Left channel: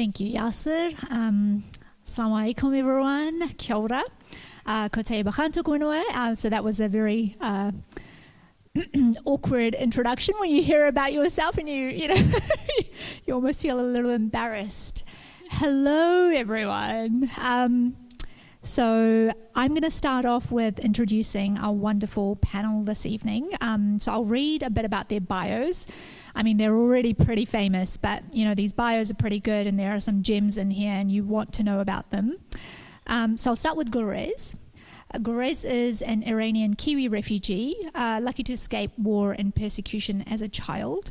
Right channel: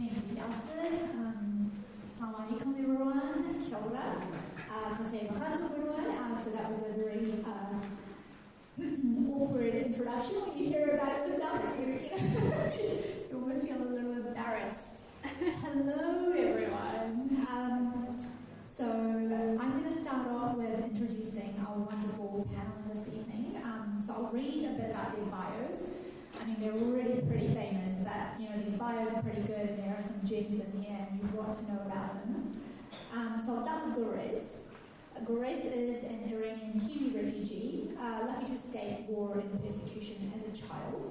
Thank you, Yasser. Assalamu alaikum, everyone. Kia ora. Ko Tayyaba Khan tōku ingoa. So that was a very awkward introduction when you hear about yourself and you you almost feel a little embarrassed. Hello, everyone. So I'm going to start off with introducing our wonderful panel this evening. So I'll read a bit about their bios. I mean, they're already pretty famous, but these bios are pretty good, and there are some gems in here, and you want to know about them. So I'll start with Golriz. Golriz is an Iranian Kiwi refugee, lucky to escape war and persecution as a child.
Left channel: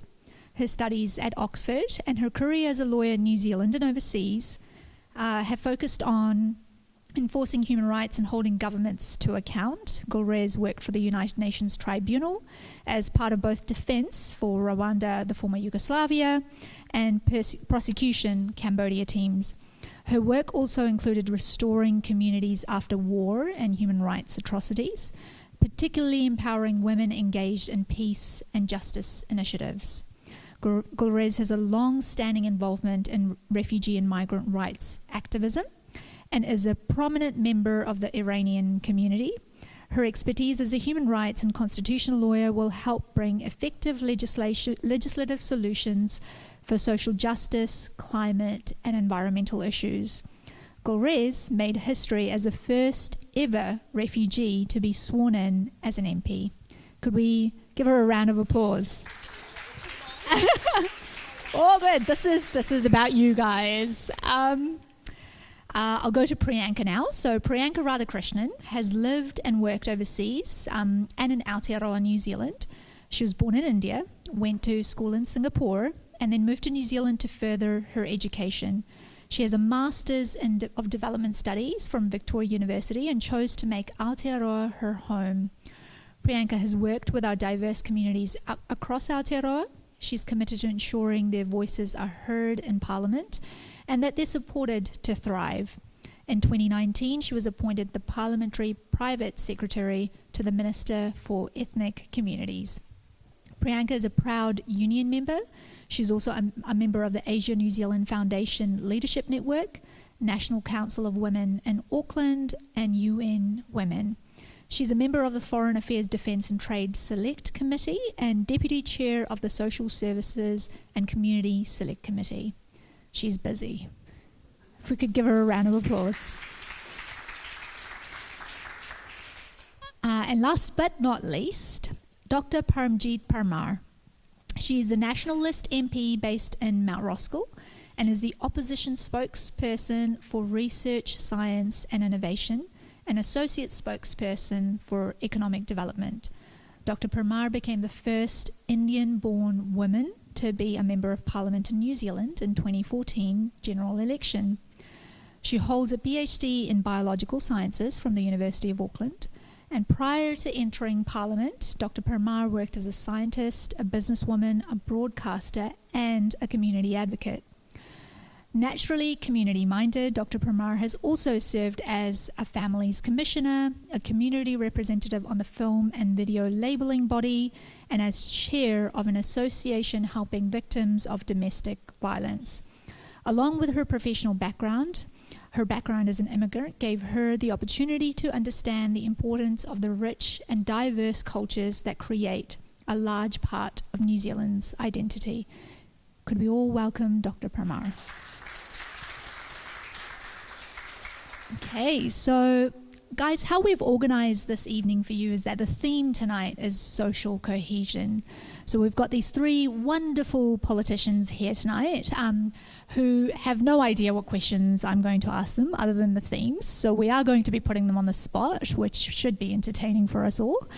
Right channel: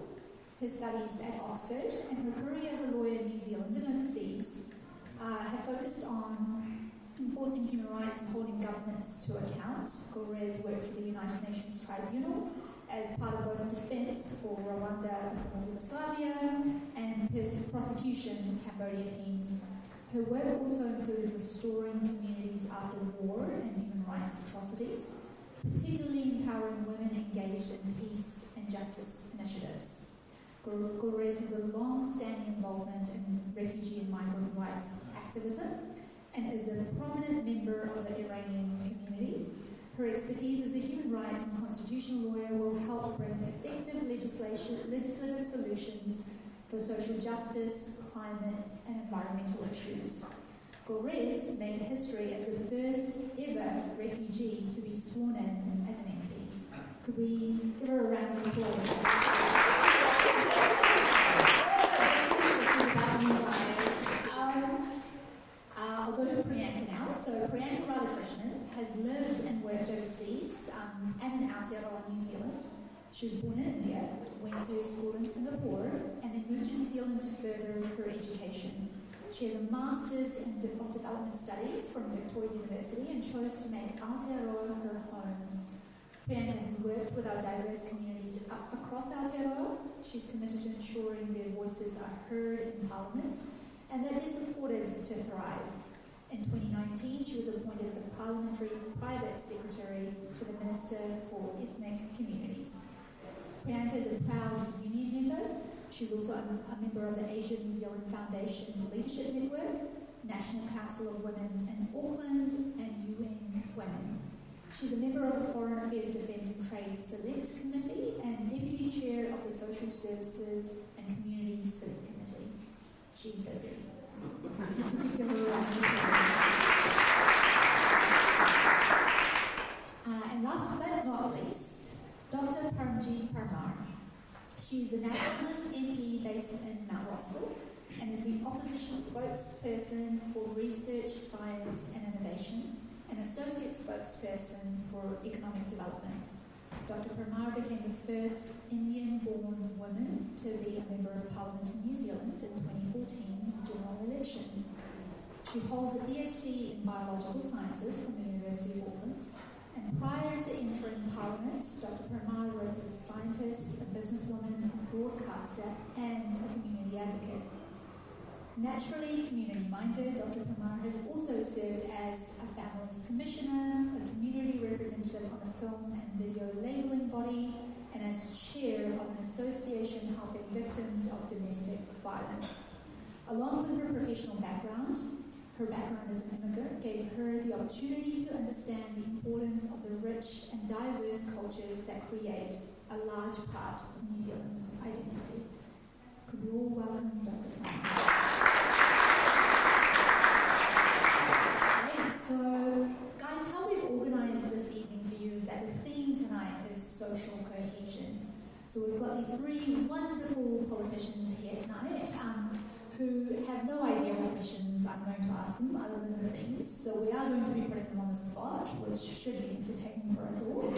Her studies at Oxford and her career as a lawyer in New Zealand and overseas have focused on enforcing human rights and holding governments to account. Golriz worked for the United Nations Tribunal as part of both defense for Rwanda, the former Yugoslavia, and prosecution Cambodia teams. Her work also included restoring communities after war and human rights atrocities, particularly empowering women engaged in peace and justice initiatives. Golriz has a long-standing involvement in refugee and migrant rights activism and is a prominent member of the Iranian community. Her expertise as a human rights and constitutional lawyer will help bring effective legislative solutions for social justice, climate, and environmental issues. Golriz made history as the first ever refugee to be sworn in as an MP. Could we give her a round of applause? Oh, good. This is about you guys. I'll go to Priyanca now. So Priyanca Radhakrishnan has lived and worked overseas and in Aotearoa, New Zealand. She was born in India, went to school in Singapore, and then moved to New Zealand to further her education. She has a Master's of Development Studies from Victoria University and chose to make Aotearoa her home. Priyanka has worked with our diverse communities across Aotearoa. She's committed to ensuring their voices are heard in Parliament and that they're supported to thrive. In 2019, she was appointed the Parliamentary Private Secretary to the Minister for Ethnic Communities. Priyanka is a proud union member. She's also a member of the Asia-New Zealand Foundation Leadership Network, National Council of Women in Auckland, and UN Women. She's a member of the Foreign Affairs, Defence and Trade Select Committee and Deputy Chair of the Social Services and Community Select Committee. She's busy. If we could give her a round of applause. And last but not least, Dr. Parmjeet Parmar. She is the Nationalist MP based in Mount Roskill and is the opposition spokesperson for Research, Science and Innovation and Associate Spokesperson for Economic Development. Dr. Parmar became the first Indian-born woman to be a Member of Parliament in New Zealand in 2014 general election. She holds a PhD in Biological Sciences from the University of Auckland, and prior to entering Parliament, Dr. Parmar worked as a scientist, a businesswoman, a broadcaster, and a community advocate. Naturally community-minded, Dr. Parmar has also served as a Families Commissioner, a community representative on the Film and Video Labelling Body, and as chair of an association helping victims of domestic violence. Along with her professional background, her background as an immigrant gave her the opportunity to understand the importance of the rich and diverse cultures that create a large part of New Zealand's identity. Could we all welcome Dr. Parmar? Okay, so guys, how we've organised this evening for you is that the theme tonight is social cohesion. So we've got these three wonderful politicians here tonight who have no idea what questions I'm going to ask them other than the themes. So we are going to be putting them on the spot, which should be entertaining for us all.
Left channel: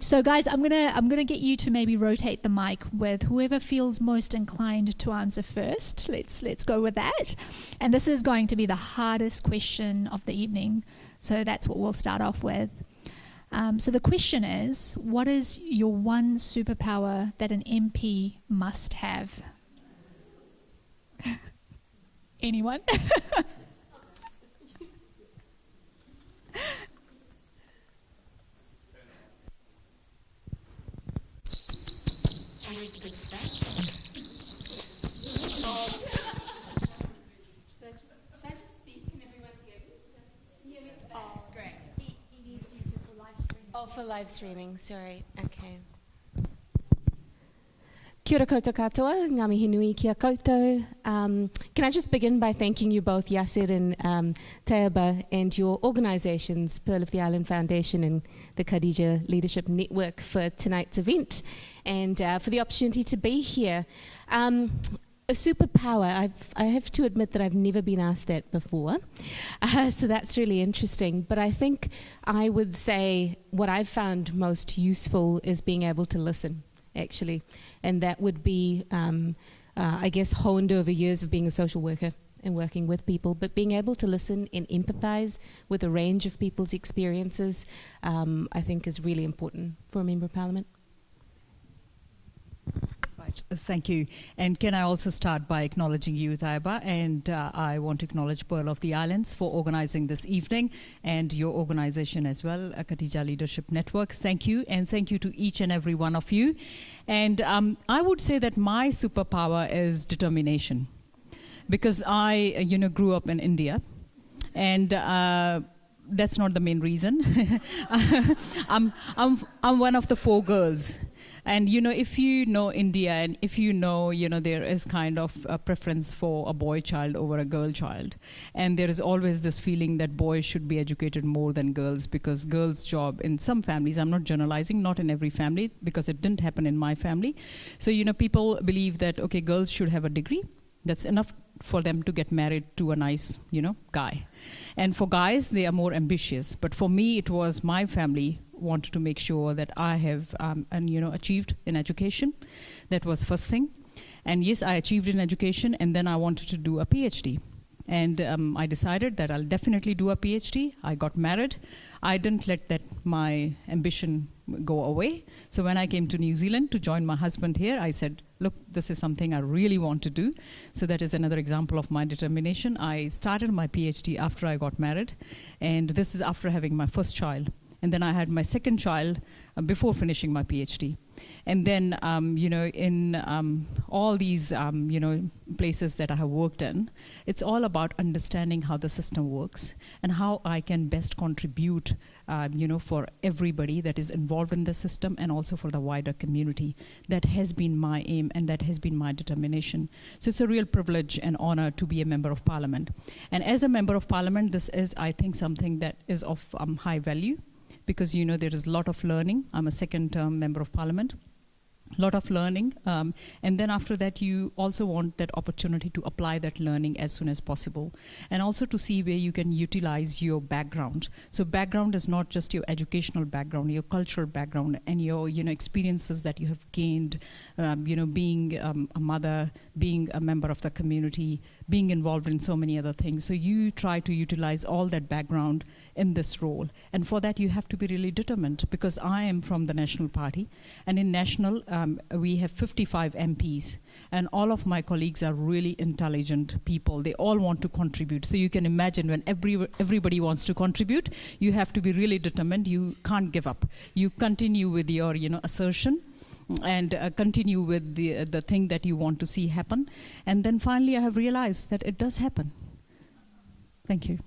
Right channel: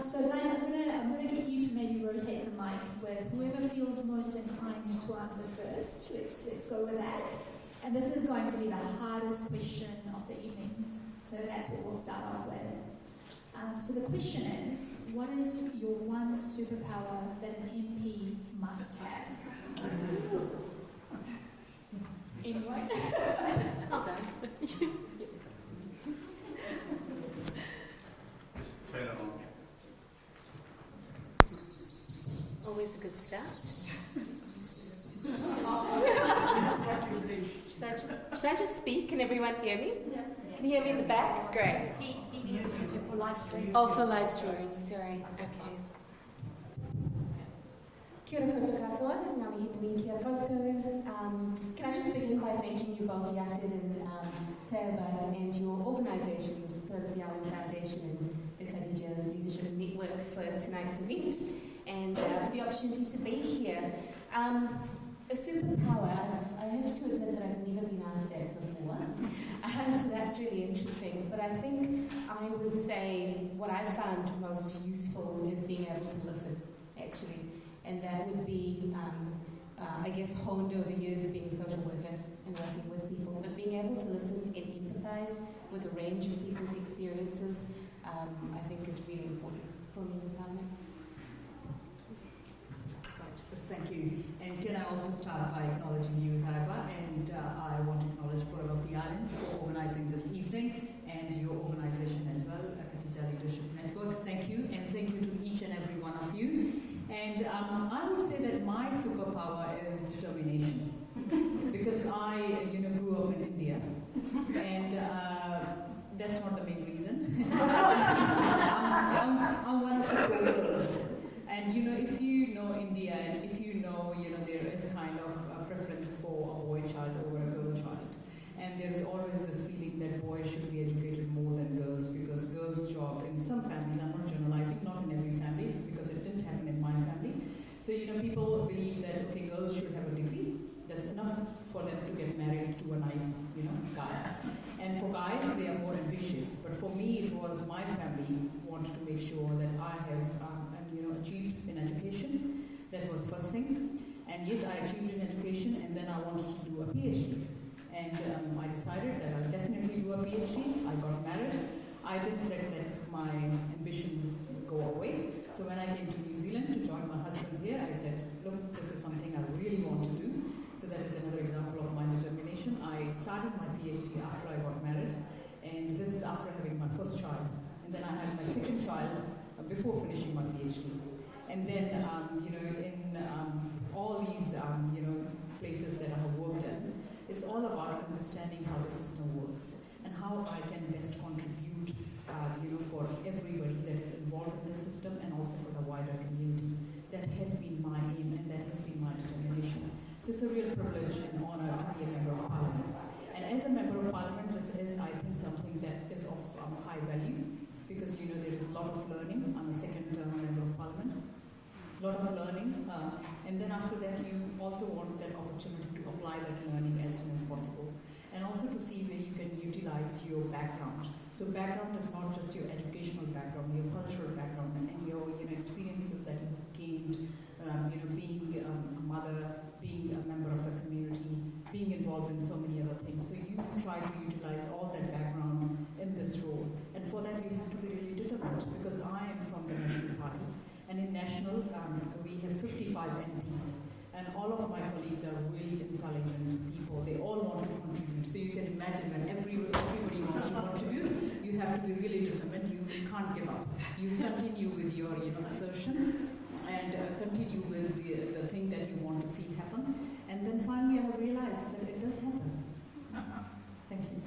So guys, I'm gonna get you to maybe rotate the mic with whoever feels most inclined to answer first. Let's go with that. And this is going to be the hardest question of the evening. So that's what we'll start off with. So the question is, what is your one superpower that an MP must have? Anyone? everyone hear me? Yeah. Can you hear me in the back? Great. He needs you to for live streaming. Oh, for live streaming, sorry. Okay. Kia ora koutou katoa, ngā mihi nui kia koutou. Can I just begin by thanking you both, Yasir and Tayyaba, and your organisations, Pearl of the Island Foundation and the Khadija Leadership Network, for tonight's event and for the opportunity to be here. A superpower, I have to admit that I've never been asked that before, so that's really interesting. But I think I would say what I've found most useful is being able to listen, actually. And that would be, I guess, honed over years of being a social worker and working with people, but being able to listen and empathise with a range of people's experiences, I think is really important for a Member of Parliament. Thank you. And can I also start by acknowledging you, Tayyaba, and I want to acknowledge Pearl of the Islands for organising this evening, and your organisation as well, Khadija Leadership Network. Thank you, and thank you to each and every one of you. And I would say that my superpower is determination, because I, grew up in India, and that's not the main reason. I'm one of the 4 girls. And if you know India, and if there is kind of a preference for a boy child over a girl child, and there is always this feeling that boys should be educated more than girls, because girls' job in some families, I'm not generalizing, not in every family, because it didn't happen in my family. So people believe that, okay, girls should have a degree, that's enough for them to get married to a nice, guy. And for guys, they are more ambitious. But for me, it was my family wanted to make sure that I have achieved in education. That was first thing. And yes, I achieved in education, and then I wanted to do a PhD. And I decided that I'll definitely do a PhD. I got married. I didn't let my ambition go away. So when I came to New Zealand to join my husband here, I said, look, this is something I really want to do. So that is another example of my determination. I started my PhD after I got married, and this is after having my first child. And then I had my second child before finishing my PhD. And then, in all these, places that I have worked in, it's all about understanding how the system works and how I can best contribute for everybody that is involved in the system, and also for the wider community. That has been my aim, and that has been my determination. So it's a real privilege and honor to be a Member of Parliament. And as a Member of Parliament, this is, I think, something that is of high value, because there is a lot of learning. I'm a second-term Member of Parliament. Lot of learning, and then after that you also want that opportunity to apply that learning as soon as possible, and also to see where you can utilize your background. So background is not just your educational background, your cultural background, and your experiences that you have gained, being a mother, being a member of the community, being involved in so many other things. So you try to utilize all that background in this role, and for that you have to be really determined, because I am from the National Party. And in National, we have 55 MPs, and all of my colleagues are really intelligent people. They all want to contribute. So you can imagine when everybody wants to contribute, you have to be really determined. You can't give up. You continue with your assertion, and continue with the thing that you want to see happen. And then finally, I have realized that it does happen. Thank you.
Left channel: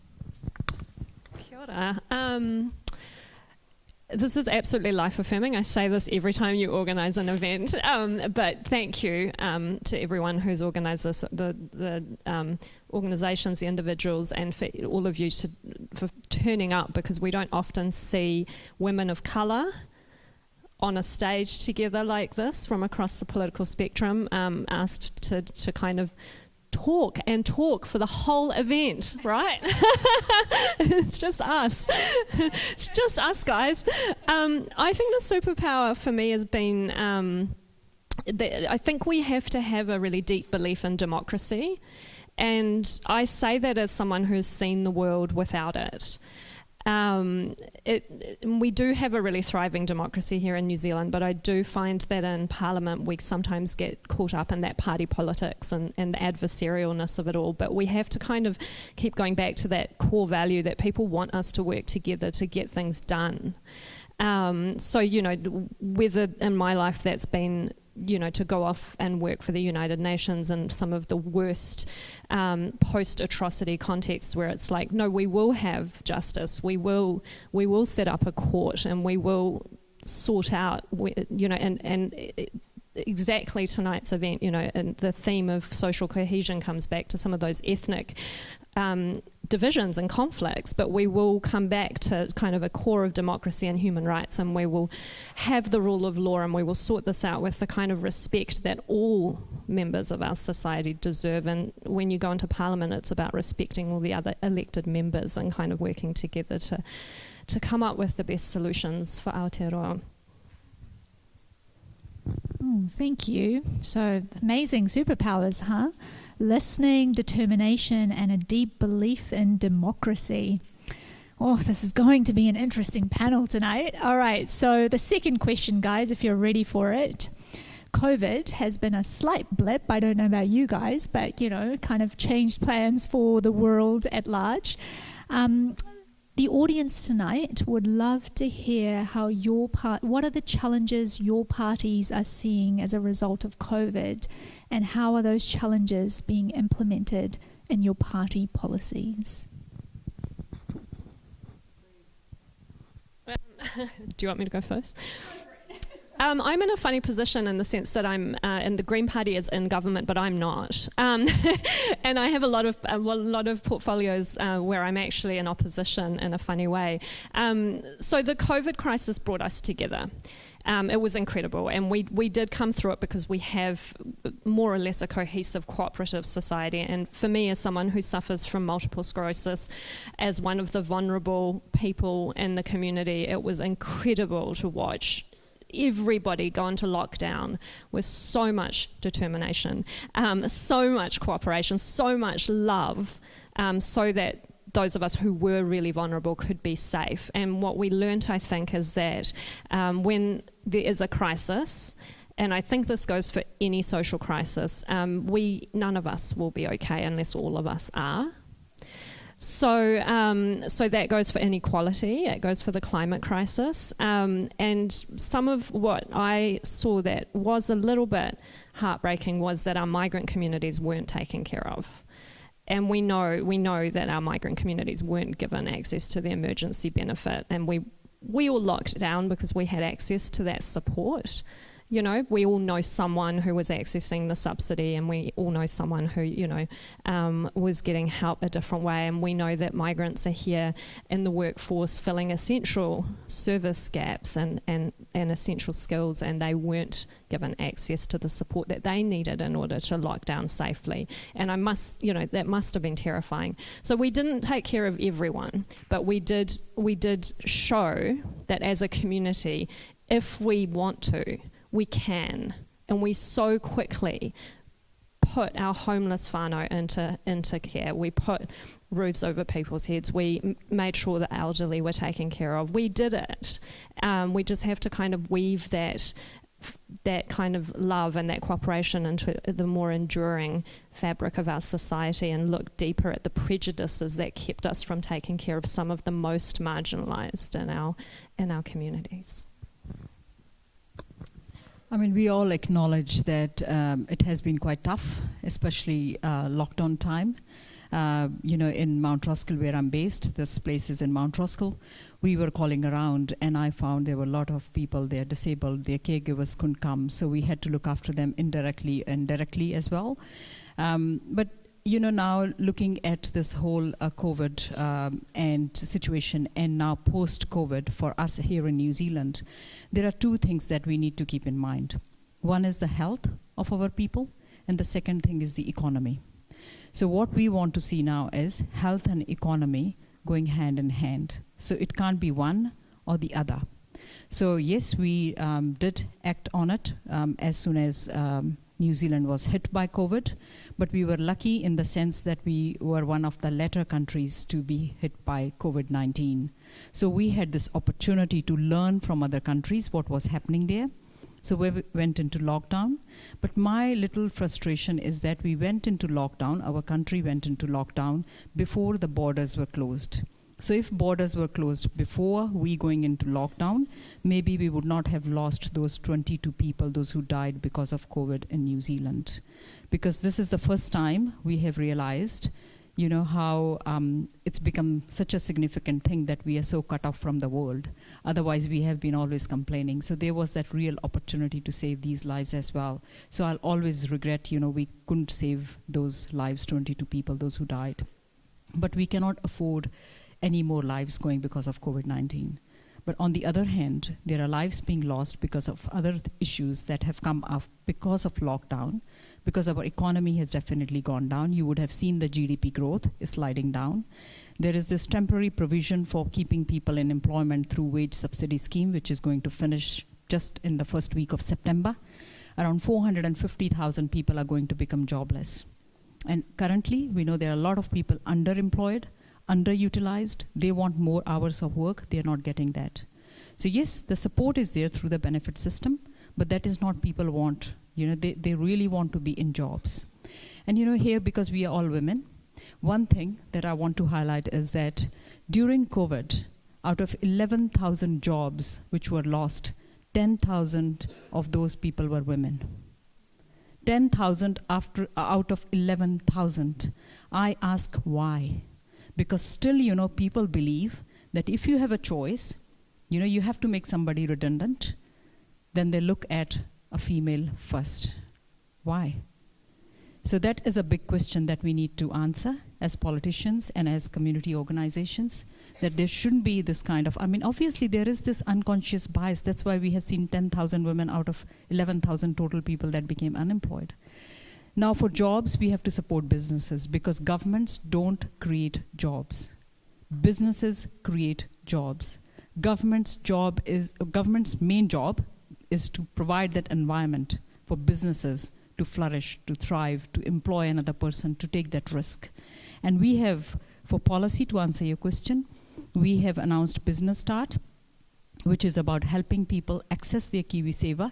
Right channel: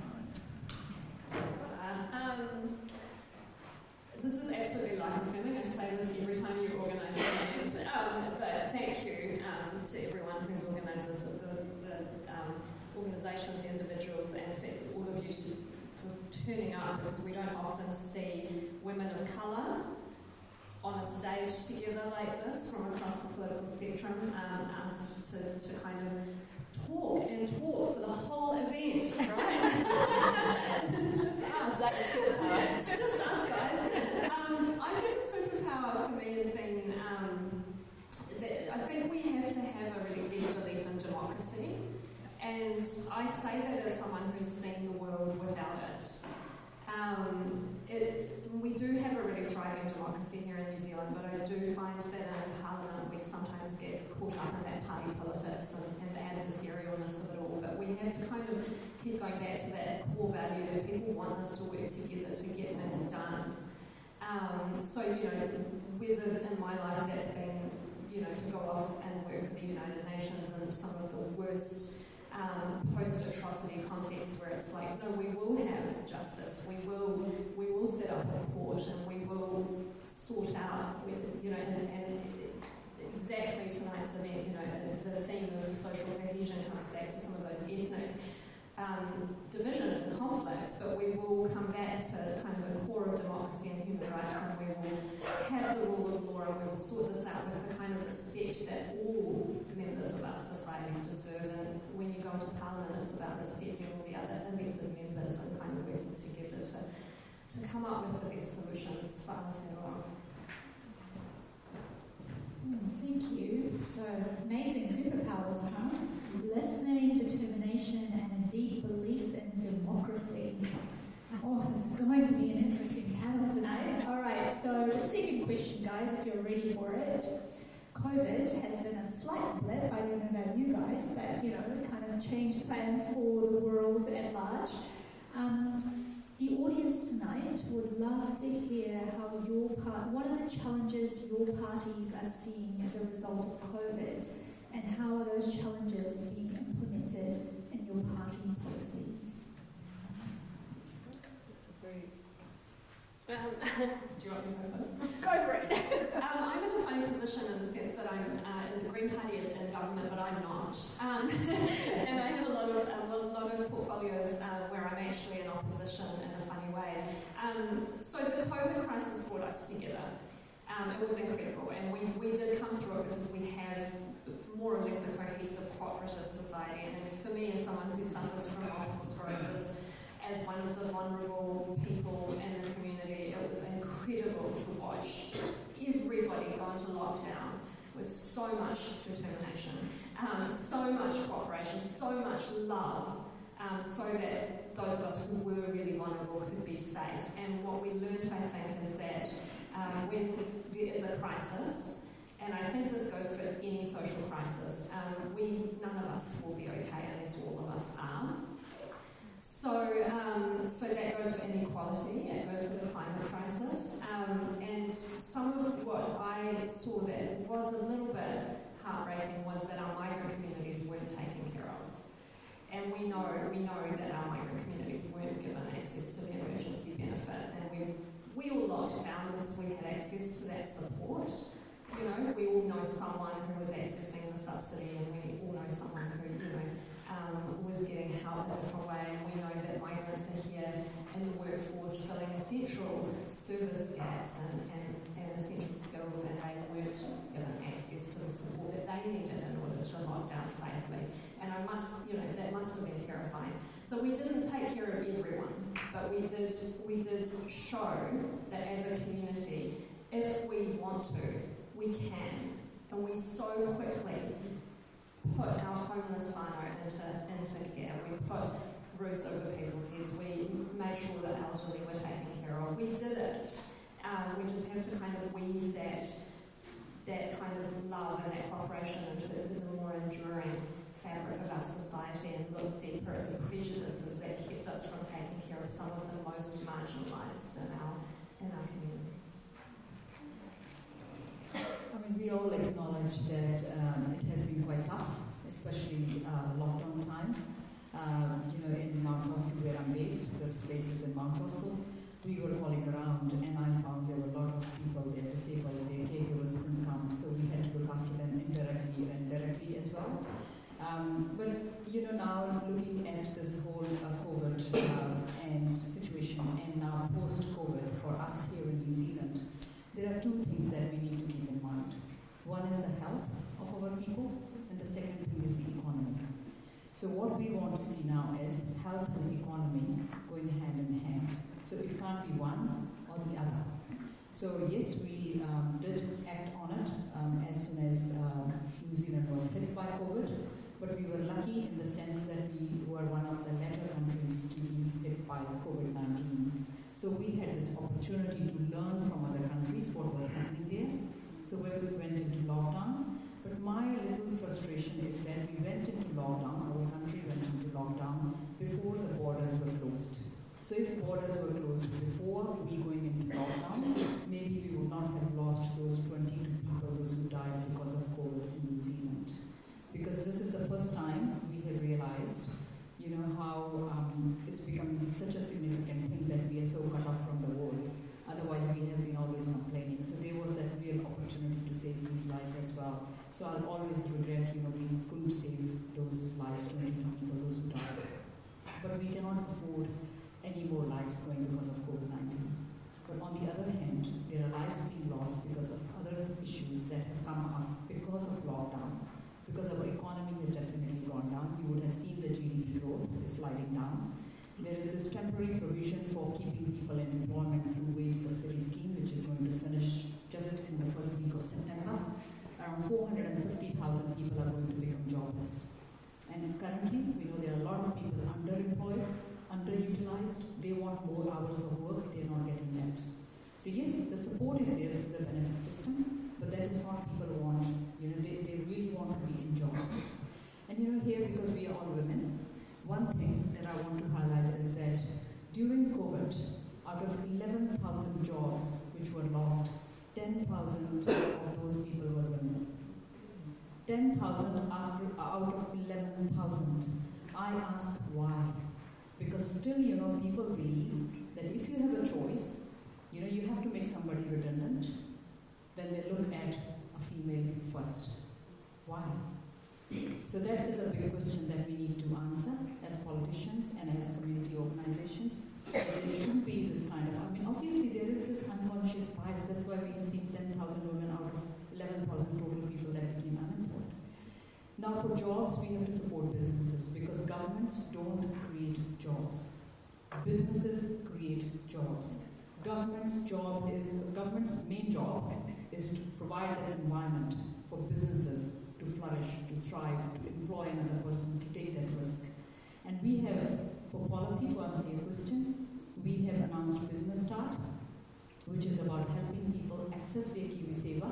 Kia ora. This is absolutely life-affirming. I say this every time you organise an event, but thank you to everyone who's organised this, the organisations, the individuals, and for all of you for turning up, because we don't often see women of colour on a stage together like this from across the political spectrum, asked to kind of talk for the whole event, right? It's just us. It's just us, guys. I think the superpower for me has been, I think we have to have a really deep belief in democracy. And I say that as someone who's seen the world without it. We do have a really thriving democracy here in New Zealand, but I do find that in Parliament we sometimes get caught up in that party politics and the adversarialness of it all, but we have to kind of keep going back to that core value that people want us to work together to get things done. So, whether in my life that's been to go off and work for the United Nations in some of the worst post-atrocity contexts where it's like, no, we will have justice, we will set up a court, and we will sort out, and exactly tonight's event, and the theme of social cohesion comes back to some of those ethnic divisions and conflicts, but we will come back to kind of a core of democracy and human rights, and we will have the rule of law, and we will sort this out with the kind of respect that all members of our society deserve. And when you go into Parliament, it's about respecting all the other elected members and kind of working together to come up with the best solutions for Aotearoa. Thank you. So amazing superpowers, huh? Listening, determination, and a deep belief in democracy. Oh, this is going to be an interesting panel tonight. All right, so the second question, guys, if you're ready for it. COVID has been a slight blip, I don't know about you guys, but, kind of changed plans for the world at large. The audience tonight would love to hear how what are the challenges your parties are seeing as a result of COVID, and how are those challenges being implemented in your party policies? Do you want me to go first? Go for it. I'm in a funny position in the sense that I'm, and the Green Party is in government, but I'm not. And I have a lot of portfolios where I'm actually in opposition in a funny way. So the COVID crisis brought us together. It was incredible, and we did come through it because we have more or less a cohesive, cooperative society. And for me, as someone who suffers from multiple sclerosis, as one of the vulnerable people in the community, it was incredible to watch everybody go into lockdown with so much determination, so much cooperation, so much love, so that those of us who were really vulnerable could be safe. And what we learned, I think, is that when there is a crisis, and I think this goes for any social crisis, none of us will be okay unless all of us are. So that goes for inequality, it goes for the climate crisis, and some of what I saw that was a little bit heartbreaking was that our migrant communities weren't taken care of. And we know that our migrant communities weren't given access to the emergency benefit, and we all locked down because we had access to that support. We all know someone who was accessing the subsidy, and we all know someone who, was getting help a different way. And we know that migrants are here in the workforce filling essential service gaps and essential skills, and they weren't given access to the support that they needed in order to lock down safely. And that must have been terrifying. So we didn't take care of everyone, but we did show that as a community, if we want to, we can. And we so quickly put our homeless whānau into care. We put roofs over people's heads. We made sure the elderly were taken care of. We did it. We just have to kind of weave that kind of love and that cooperation into the more enduring fabric of our society, and look deeper at the prejudices that kept us from taking care of some of the most marginalised in our communities. I mean, we all acknowledge that it has been quite tough, especially lockdown time. In Mount Roskill, where I'm based, this place is in Mount Roskill, we were calling around, and I found there were a lot of people there disabled, their caregivers couldn't come, so we had to look after them indirectly and directly as well. But now looking at this whole COVID and situation, and now post-COVID for us here in New Zealand, there are two things that we need to keep in mind. One is the health of our people, and the second thing is the economy. So what we want to see now is health and economy going hand in hand. So it can't be one or the other. So yes, we did act on it as soon as New Zealand was hit by COVID, but we were lucky in the sense that we were one of the latter countries to be hit by COVID-19. So we had this opportunity to learn from other countries what was happening there. So we went into lockdown. But my little frustration is that we went into lockdown, our country went into lockdown before the borders were closed. So if borders were closed before we going into lockdown, maybe we would not have lost those 22 people, those who died because of COVID in New Zealand. Because this is the first time we have realized, you know, how it's become such a significant thing that we are so cut off from the world. Otherwise, we have been always complaining. So there was that real opportunity to save these lives as well. So I'll always regret, you know, we couldn't save those lives, 22 people, those who died. But we cannot afford any more lives going because of COVID-19. But on the other hand, there are lives being lost because of other issues that have come up because of lockdown, because our economy has definitely gone down. You would have seen the GDP growth is sliding down. There is this temporary provision for keeping people in employment through wage subsidy scheme, which is going to finish just in the first week of September. Around 450,000 people are going to become jobless. And currently, we know there are a lot of people underemployed, underutilized. They want more hours of work. They're not getting that. So yes, the support is there through the benefit system, but that is not people want. You know, they really want to be in jobs. And you know, here, because we are all women, one thing that I want to highlight is that during COVID, out of 11,000 jobs which were lost, 10,000 of those people were women. 10,000 out of 11,000. I ask why? Because still, you know, people believe that if you have a choice, you know, you have to make somebody redundant, then they look at a female first. Why? So that is a big question that we need to answer as politicians and as community organizations, that there shouldn't be this kind of, I mean, obviously there is this unconscious bias. That's why we have seen 10,000 women out of 11,000 total people that became unemployed. Now for jobs, we have to support businesses because governments don't create jobs. Businesses create jobs. Government's main job is to provide that environment for businesses to flourish, to thrive, to employ another person, to take that risk. And we have, for policy, to answer your question, we have announced Business Start, which is about helping people access their KiwiSaver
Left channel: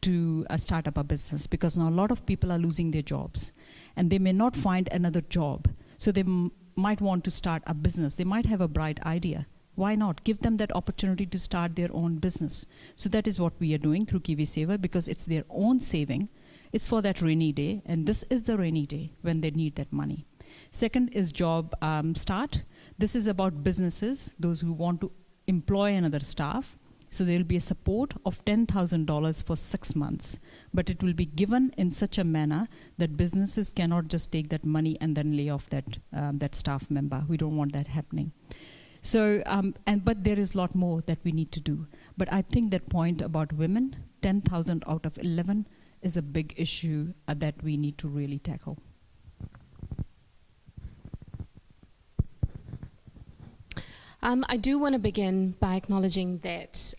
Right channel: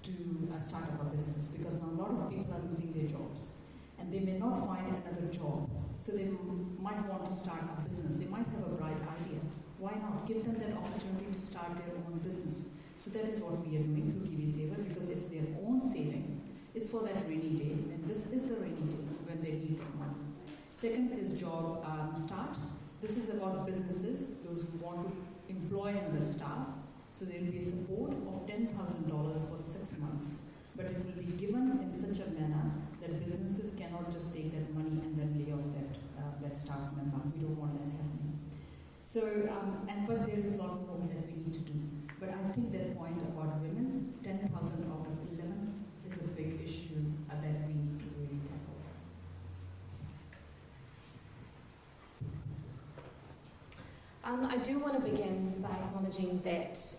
to start up a business, because now a lot of people are losing their jobs and they may not find another job. So they might want to start a business. They might have a bright idea. Why not? Give them that opportunity to start their own business. So that is what we are doing through KiwiSaver, because it's their own saving. It's for that rainy day, and this is the rainy day when they need that money. Second is Job Start. This is about businesses, those who want to employ another staff. So there will be a support of $10,000 for 6 months, but it will be given in such a manner that businesses cannot just take that money and then lay off that staff member. We don't want that happening. So, but there is a lot more that we need to do. But I think that point about women, 10,000 out of 11, is a big issue that we need to really tackle. I do want to begin by acknowledging that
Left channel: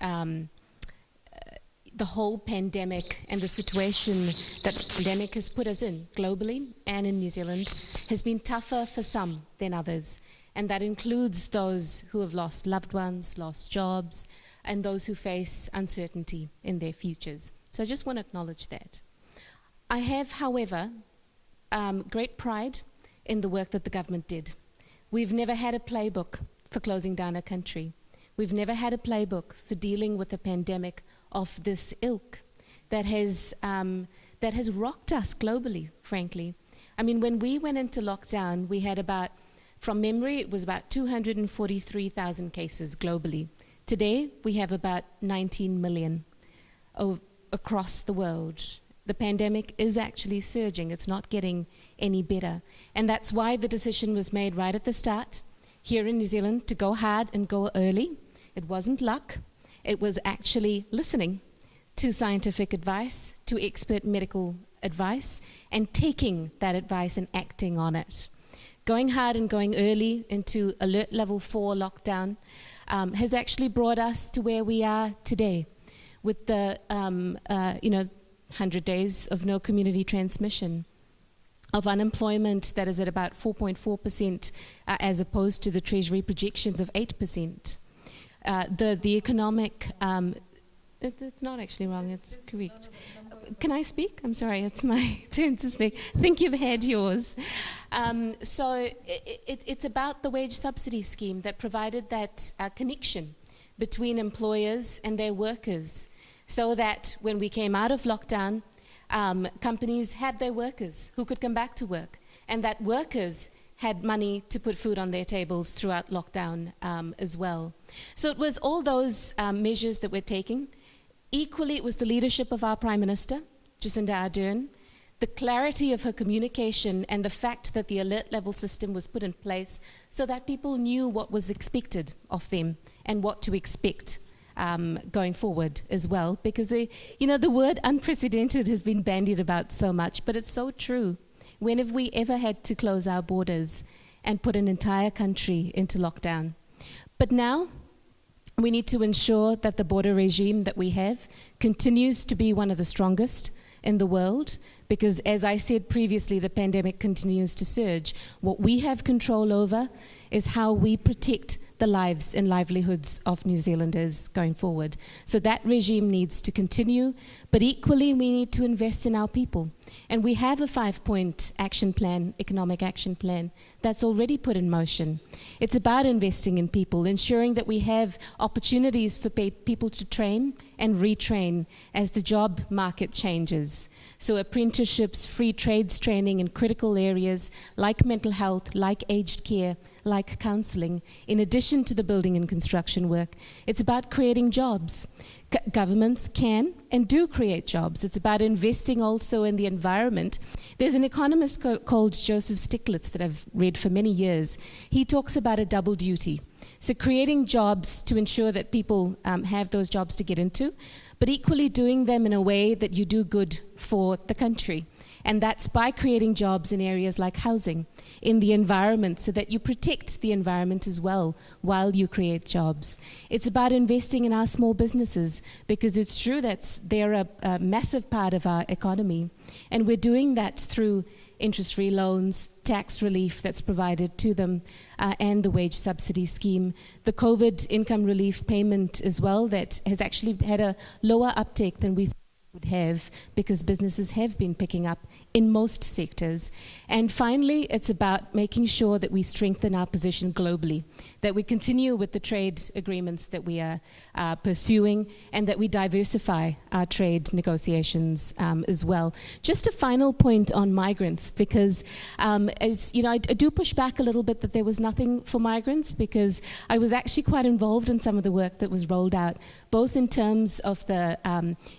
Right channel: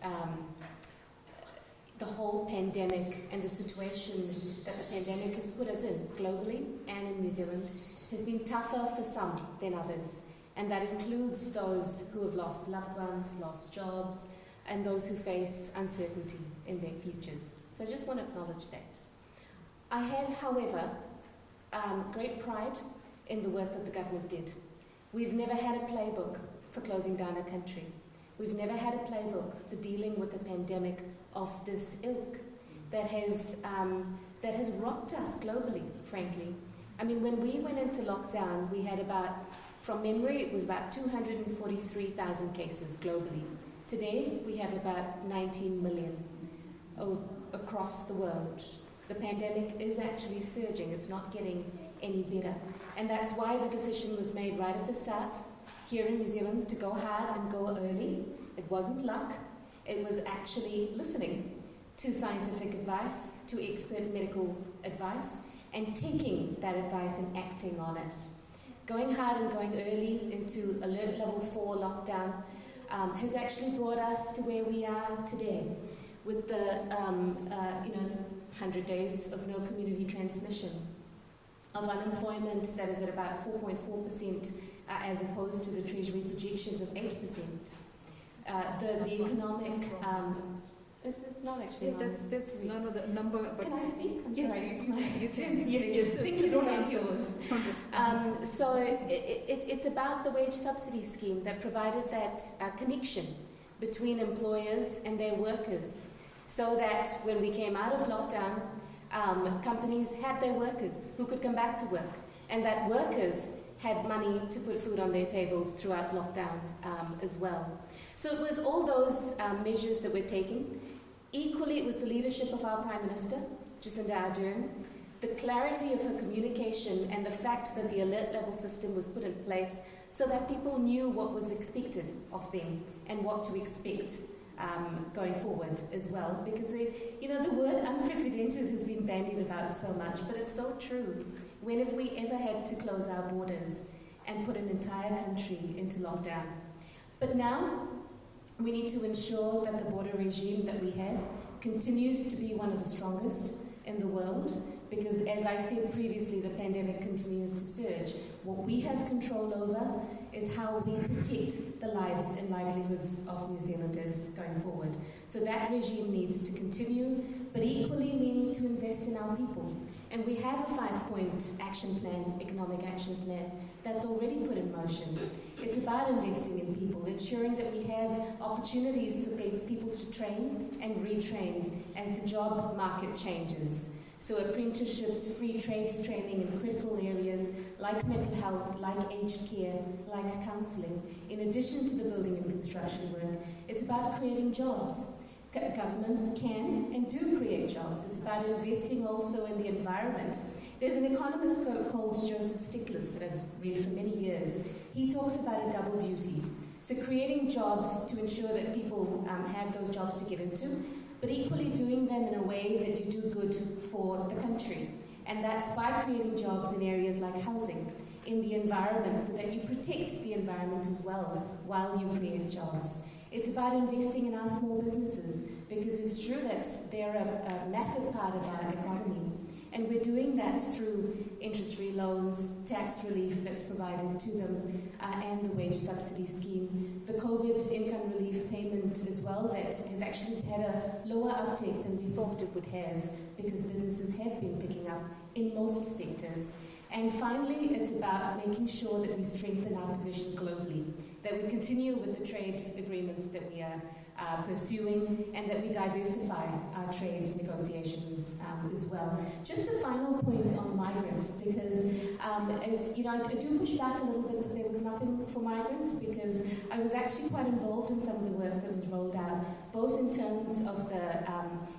the whole pandemic and the situation that the pandemic has put us in globally and in New Zealand has been tougher for some than others. And that includes those who have lost loved ones, lost jobs, and those who face uncertainty in their futures. So I just want to acknowledge that. I have, however, great pride in the work that the government did. We've never had a playbook for closing down a country. We've never had a playbook for dealing with a pandemic of this ilk that has rocked us globally, frankly. I mean, when we went into lockdown, we had about, from memory, it was about 243,000 cases globally. Today, we have about 19 million across the world. The pandemic is actually surging. It's not getting any better. And that's why the decision was made right at the start here in New Zealand to go hard and go early. It wasn't luck. It was actually listening to scientific advice, to expert medical advice, and taking that advice and acting on it. Going hard and going early into alert level 4 lockdown has actually brought us to where we are today with the 100 days of no community transmission, of unemployment that is at about 4.4% as opposed to the Treasury projections of 8%. The economic It's not actually wrong, it's correct. No, the number, Can I speak? I'm sorry, it's my turn to speak. I think you've had yours. So it's about the wage subsidy scheme that provided that connection between employers and their workers, so that when we came out of lockdown, companies had their workers who could come back to work, and that workers had money to put food on their tables throughout lockdown as well. So it was all those measures that we're taking. Equally, it was the leadership of our Prime Minister, Jacinda Ardern, the clarity of her communication, and the fact that the alert level system was put in place so that people knew what was expected of them and what to expect going forward as well. Because the word unprecedented has been bandied about so much, but it's so true. When have we ever had to close our borders and put an entire country into lockdown? But now, we need to ensure that the border regime that we have continues to be one of the strongest in the world, because as I said previously, the pandemic continues to surge. What we have control over is how we protect the lives and livelihoods of New Zealanders going forward. So that regime needs to continue, but equally we need to invest in our people. And we have a 5-point action plan, economic action plan, that's already put in motion. It's about investing in people, ensuring that we have opportunities for people to train and retrain as the job market changes. So apprenticeships, free trades training in critical areas like mental health, like aged care, like counselling, in addition to the building and construction work. It's about creating jobs. Governments can and do create jobs. It's about investing also in the environment. There's an economist called Joseph Stiglitz that I've read for many years. He talks about a double duty. So creating jobs to ensure that people have those jobs to get into, but equally doing them in a way that you do good for the country. And that's by creating jobs in areas like housing, in the environment, so that you protect the environment as well while you create jobs. It's about investing in our small businesses, because it's true that they're a massive part of our economy. And we're doing that through interest-free loans, tax relief that's provided to them, and the wage subsidy scheme. The COVID income relief payment as well, that has actually had a lower uptake than we thought it would have, because businesses have been picking up in most sectors. And finally, it's about making sure that we strengthen our position globally, that we continue with the trade agreements that we are pursuing, and that we diversify our trade negotiations as well. Just a final point on migrants, because as you know, I do push back a little bit that there was nothing for migrants, because I was actually quite involved in some of the work that was rolled out, both in terms of the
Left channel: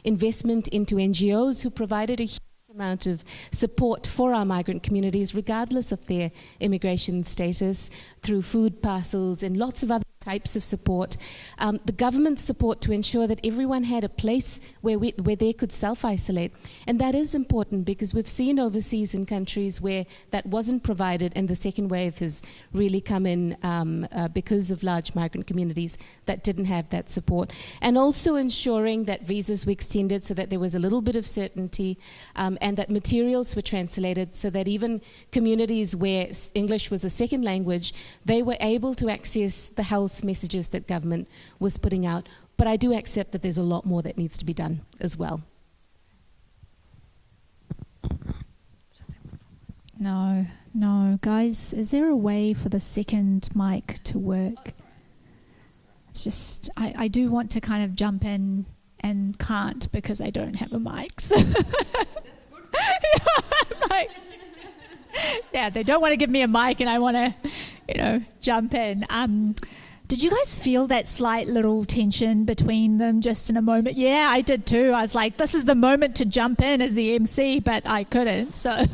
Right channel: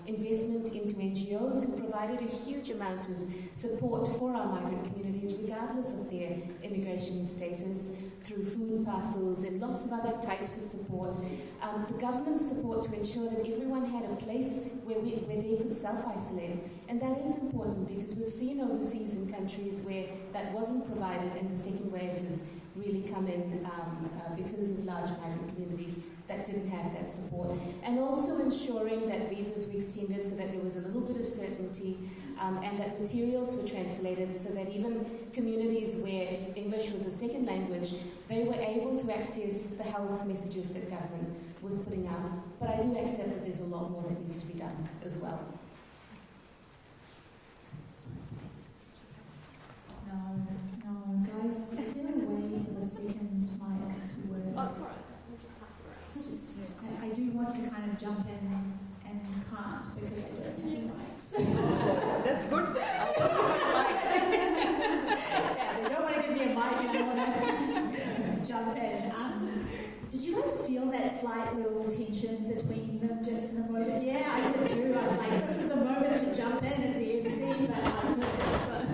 investment into NGOs who provided a huge amount of support for our migrant communities, regardless of their immigration status, through food parcels and lots of other types of support. The government support to ensure that everyone had a place where they could self-isolate. And that is important, because we've seen overseas in countries where that wasn't provided, and the second wave has really come in because of large migrant communities that didn't have that support. And also ensuring that visas were extended so that there was a little bit of certainty, and that materials were translated so that even communities where English was a second language, they were able to access the health messages that government was putting out. But I do accept that there's a lot more that needs to be done as well. No, guys, is there a way for the second mic to work? Oh, it's all right. It's just, I do want to kind of jump in and can't, because I don't have a mic. So. That's good. Yeah, they don't want to give me a mic, and I want to, jump in. Did you guys feel that slight little tension between them just in a moment? Yeah, I did too. I was like, this is the moment to jump in as the MC, but I couldn't, so.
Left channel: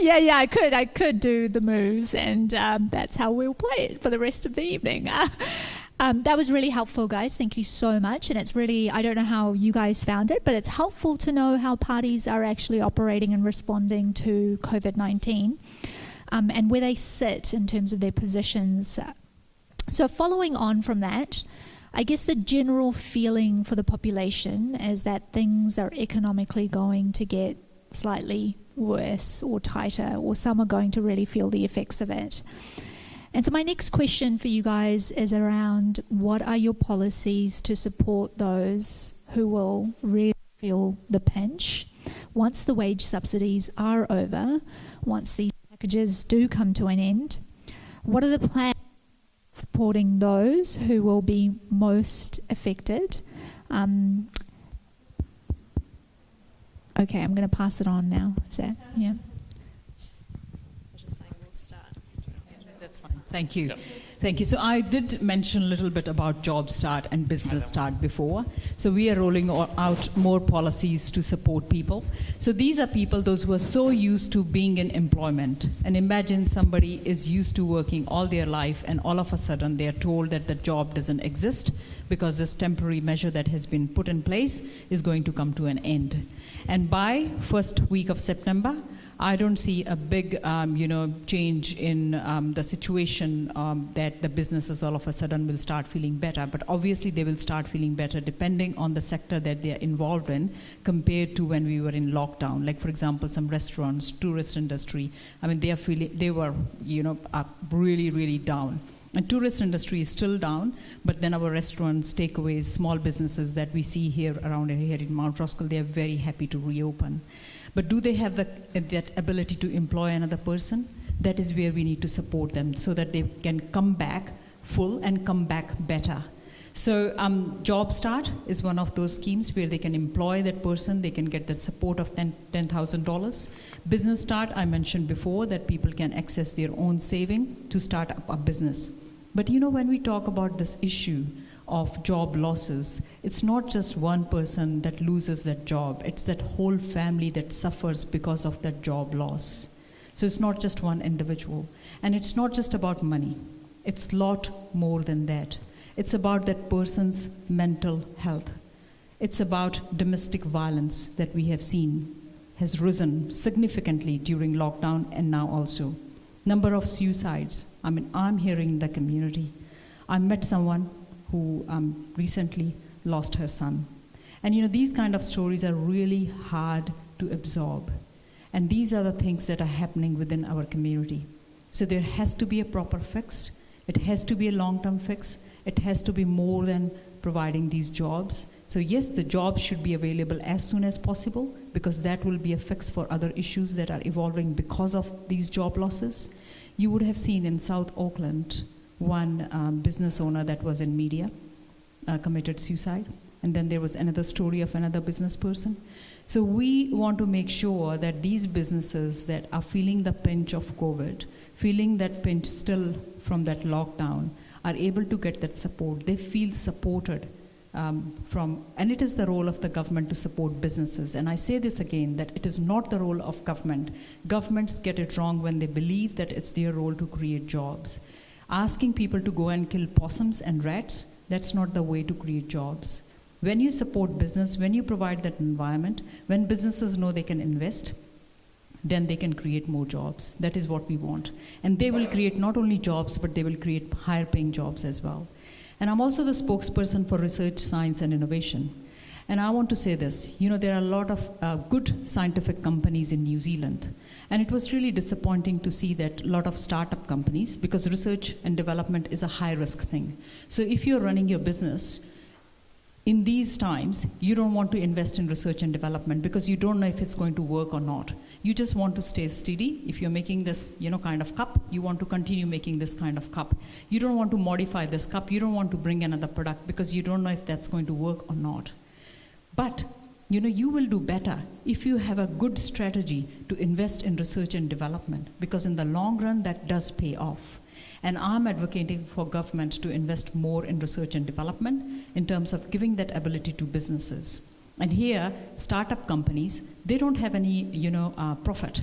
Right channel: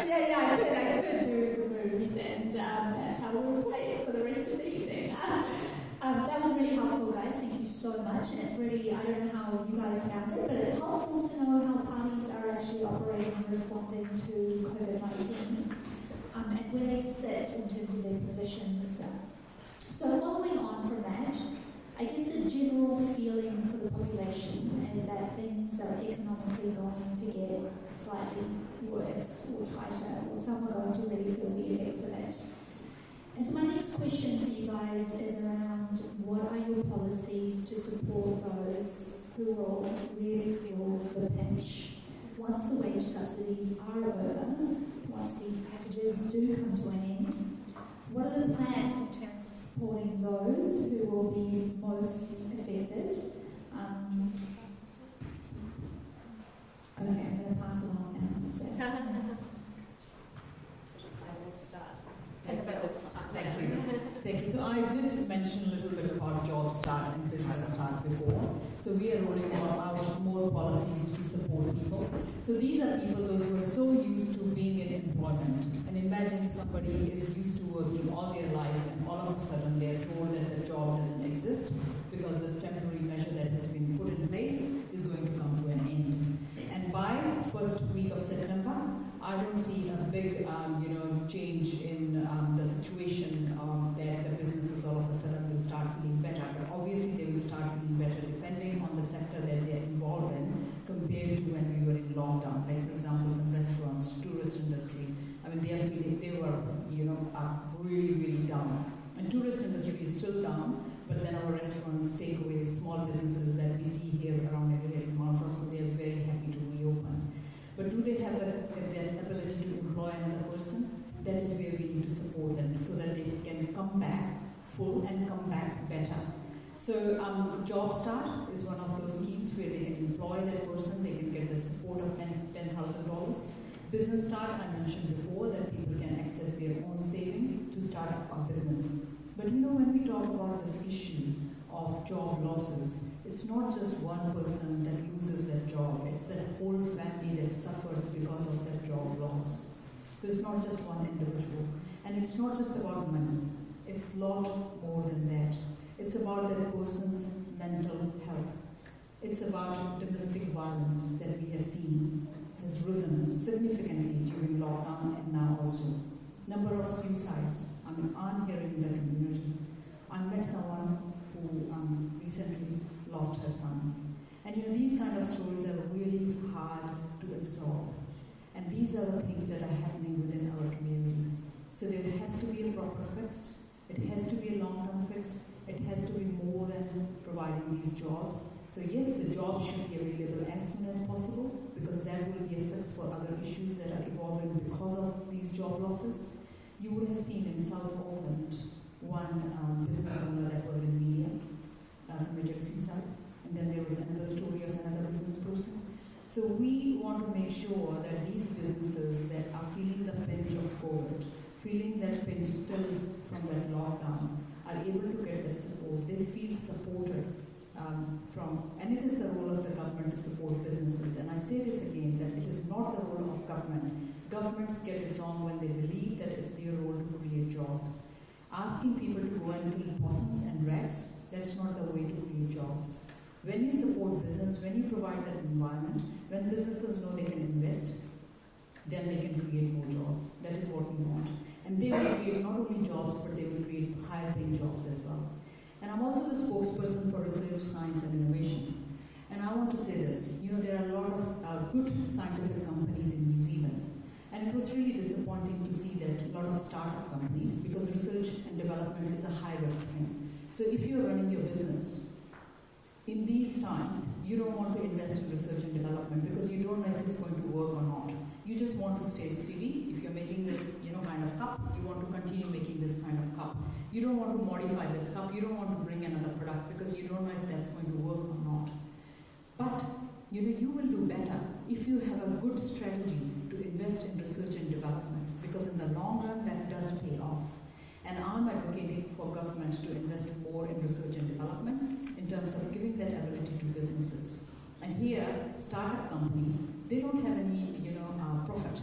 Yeah, I could do the moves, and that's how we'll play it for the rest of the evening. That was really helpful, guys. Thank you so much. And it's really, I don't know how you guys found it, but it's helpful to know how parties are actually operating and responding to COVID-19 and where they sit in terms of their positions. So following on from that, I guess the general feeling for the population is that things are economically going to get slightly worse or tighter, or some are going to really feel the effects of it. And so my next question for you guys is around what are your policies to support those who will really feel the pinch once the wage subsidies are over, once these packages do come to an end? What are the plans in terms of supporting those who will be most affected? Okay, I'm going to pass it on now. Is that, yeah? Thank you. Thank you. So I did mention a little bit about Job Start and Business Start before. So we are rolling out more policies to support people. So these are people, those who are so used to being in employment. And imagine somebody is used to working all their life and all of a sudden they are told that the job doesn't exist because this temporary measure that has been put in place is going to come to an end. And by first week of September, I don't see a big, change in the situation that the businesses all of a sudden will start feeling better. But obviously, they will start feeling better depending on the sector that they are involved in compared to when we were in lockdown. Like, for example, some restaurants, tourist industry. I mean, they were, really, really down. And tourist industry is still down, but then our restaurants, takeaways, small businesses that we see here around here in Mount Roskill, they are very happy to reopen. But do they have that ability to employ another person? That is where we need to support them so that they can come back full and come back better. So Job Start is one of those schemes where they can employ that person, they can get the support of $10,000. Business Start, I mentioned before that people can access their own saving to start up a business. But when we talk about this issue of job losses, it's not just one person that loses that job, it's that whole family that suffers because of that job loss. So it's not just one individual. And it's not just about money. It's a lot more than that. It's about that person's mental health. It's about domestic violence that we have seen has risen significantly during lockdown and now also. Number of suicides. I mean, I'm hearing in the community. I met someone who recently lost her son. And these kind of stories are really hard to absorb. And these are the things that are happening within our community. So there has to be a proper fix. It has to be a long-term fix. It has to be more than providing these jobs. So yes, the jobs should be available as soon as possible because that will be a fix for other issues that are evolving because of these job losses. You would have seen in South Auckland, one business owner that was in media committed suicide. And then there was another story of another business person. So we want to make sure that these businesses that are feeling the pinch of COVID, feeling that pinch still from that lockdown, are able to get that support. They feel supported and it is the role of the government to support businesses. And I say this again, that it is not the role of government. Governments get it wrong when they believe that it's their role to create jobs. Asking people to go and kill possums and rats, that's not the way to create jobs. When you support business, when you provide that environment, when businesses know they can invest, then they can create more jobs. That is what we want. And they will create not only jobs, but they will create higher paying jobs as well. And I'm also the spokesperson for research, science, and innovation. And I want to say this, there are a lot of good scientific companies in New Zealand. And it was really disappointing to see that a lot of startup companies, because research and development is a high-risk thing. So if you're running your business, in these times, you don't want to invest in research and development because you don't know if it's going to work or not. You just want to stay steady. If you're making this, kind of cup, you want to continue making this kind of cup. You don't want to modify this cup. You don't want to bring another product because you don't know if that's going to work or not. But, you will do better if you have a good strategy to invest in research and development because in the long run, that does pay off. And I'm advocating for government to invest more in research and development in terms of giving that ability to businesses. And here, startup companies, they don't have any, profit.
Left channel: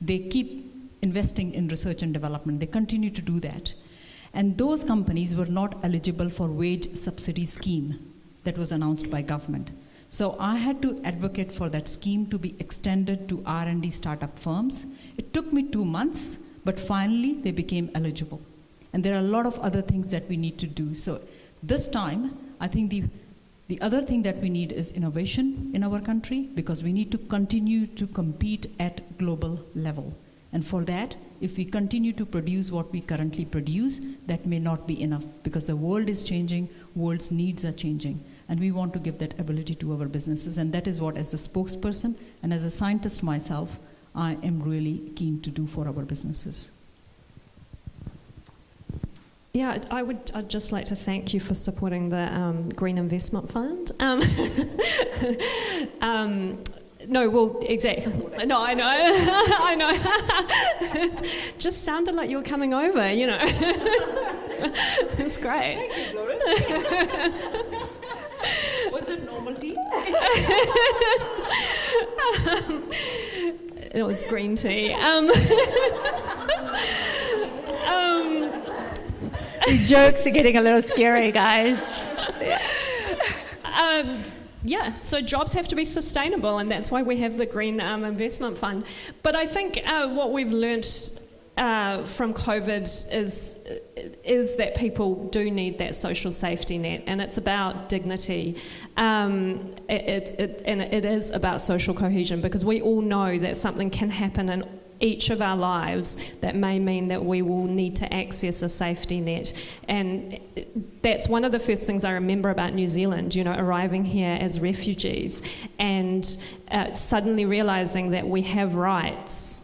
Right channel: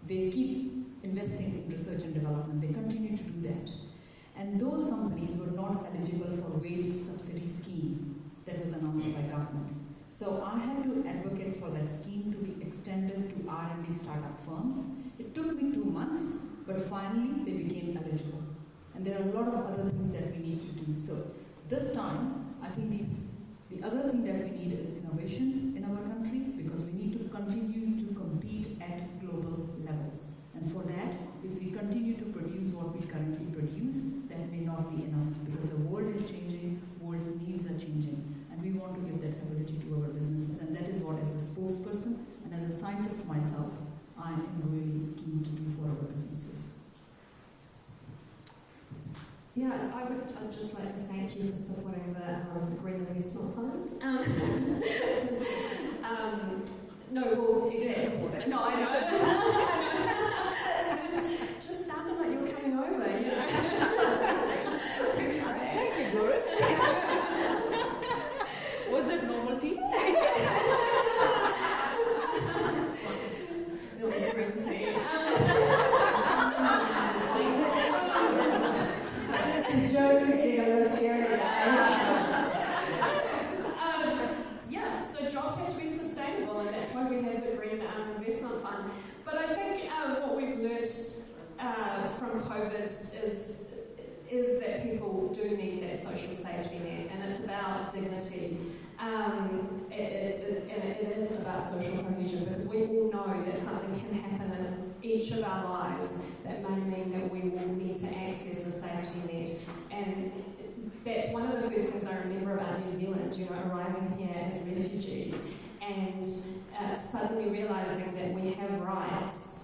They keep investing in research and development. They continue to do that. And those companies were not eligible for wage subsidy scheme that was announced by government. So I had to advocate for that scheme to be extended to R&D startup firms. It took me 2 months, but finally they became eligible. And there are a lot of other things that we need to do. So this time, I think the other thing that we need is innovation in our country because we need to continue to compete at global level. And for that, if we continue to produce what we currently produce, that may not be enough, because the world is changing, world's needs are changing, and we want to give that ability to our businesses. And that is what, as a spokesperson and as a scientist myself, I am really keen to do for our businesses. Yeah, I'd just like to thank you for supporting the Green Investment Fund. No, well, exactly. No, I know. I know. It just sounded like you were coming over, you know. It's great. Thank you, Golriz. Was it novelty? It was green tea. These jokes are getting a little scary, guys. Yeah, so jobs have to be sustainable, and that's why we have the Green Investment Fund. But I think what we've learnt from COVID is that people do need that social safety net, and it's about dignity. It is about social cohesion, because we all know that something can happen in each of our lives that may mean that we will need to access a safety net. And that's one of the first things I remember about New Zealand, you know, arriving here as refugees and suddenly realising that we have rights,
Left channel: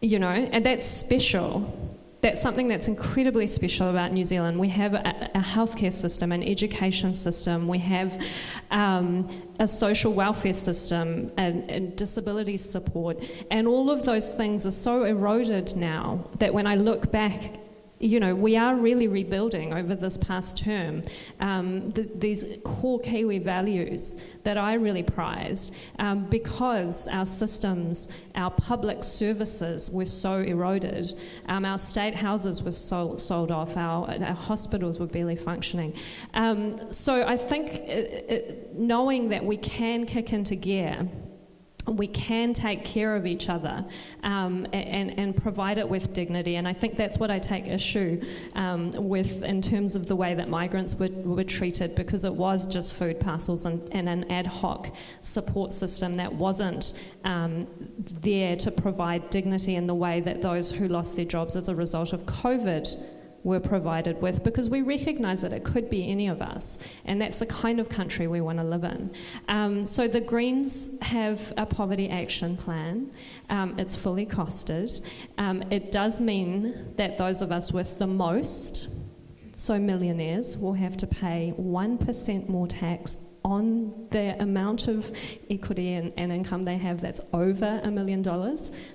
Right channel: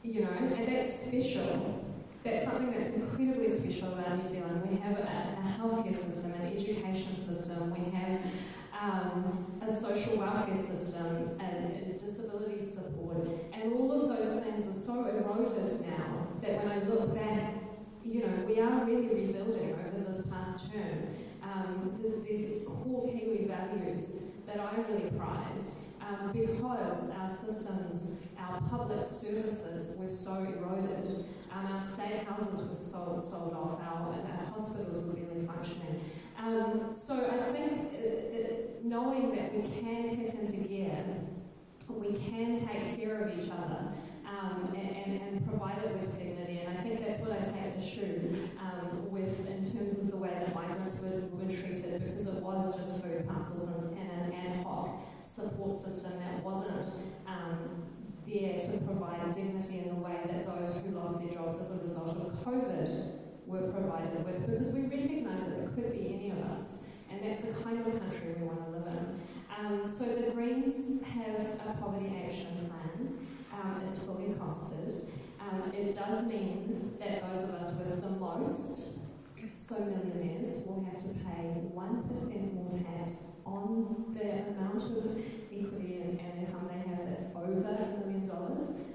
you know, and that's special. That's something that's incredibly special about New Zealand. We have a healthcare system, an education system, we have a social welfare system, and disability support, and all of those things are so eroded now that when I look back, you know, we are really rebuilding over this past term these core Kiwi values that I really prized, because our systems, our public services were so eroded. Our state houses were sold off, our hospitals were barely functioning. So I think knowing that we can kick into gear, we can take care of each other and provide it with dignity. And I think that's what I take issue with in terms of the way that migrants were treated, because it was just food parcels and an ad hoc support system that wasn't there to provide dignity in the way that those who lost their jobs as a result of COVID were provided with, because we recognise that it could be any of us, and that's the kind of country we want to live in. So the Greens have a poverty action plan. It's fully costed. It does mean that those of us with the most, so millionaires, will have to pay 1% more tax on the amount of equity and income they have that's over $1 million.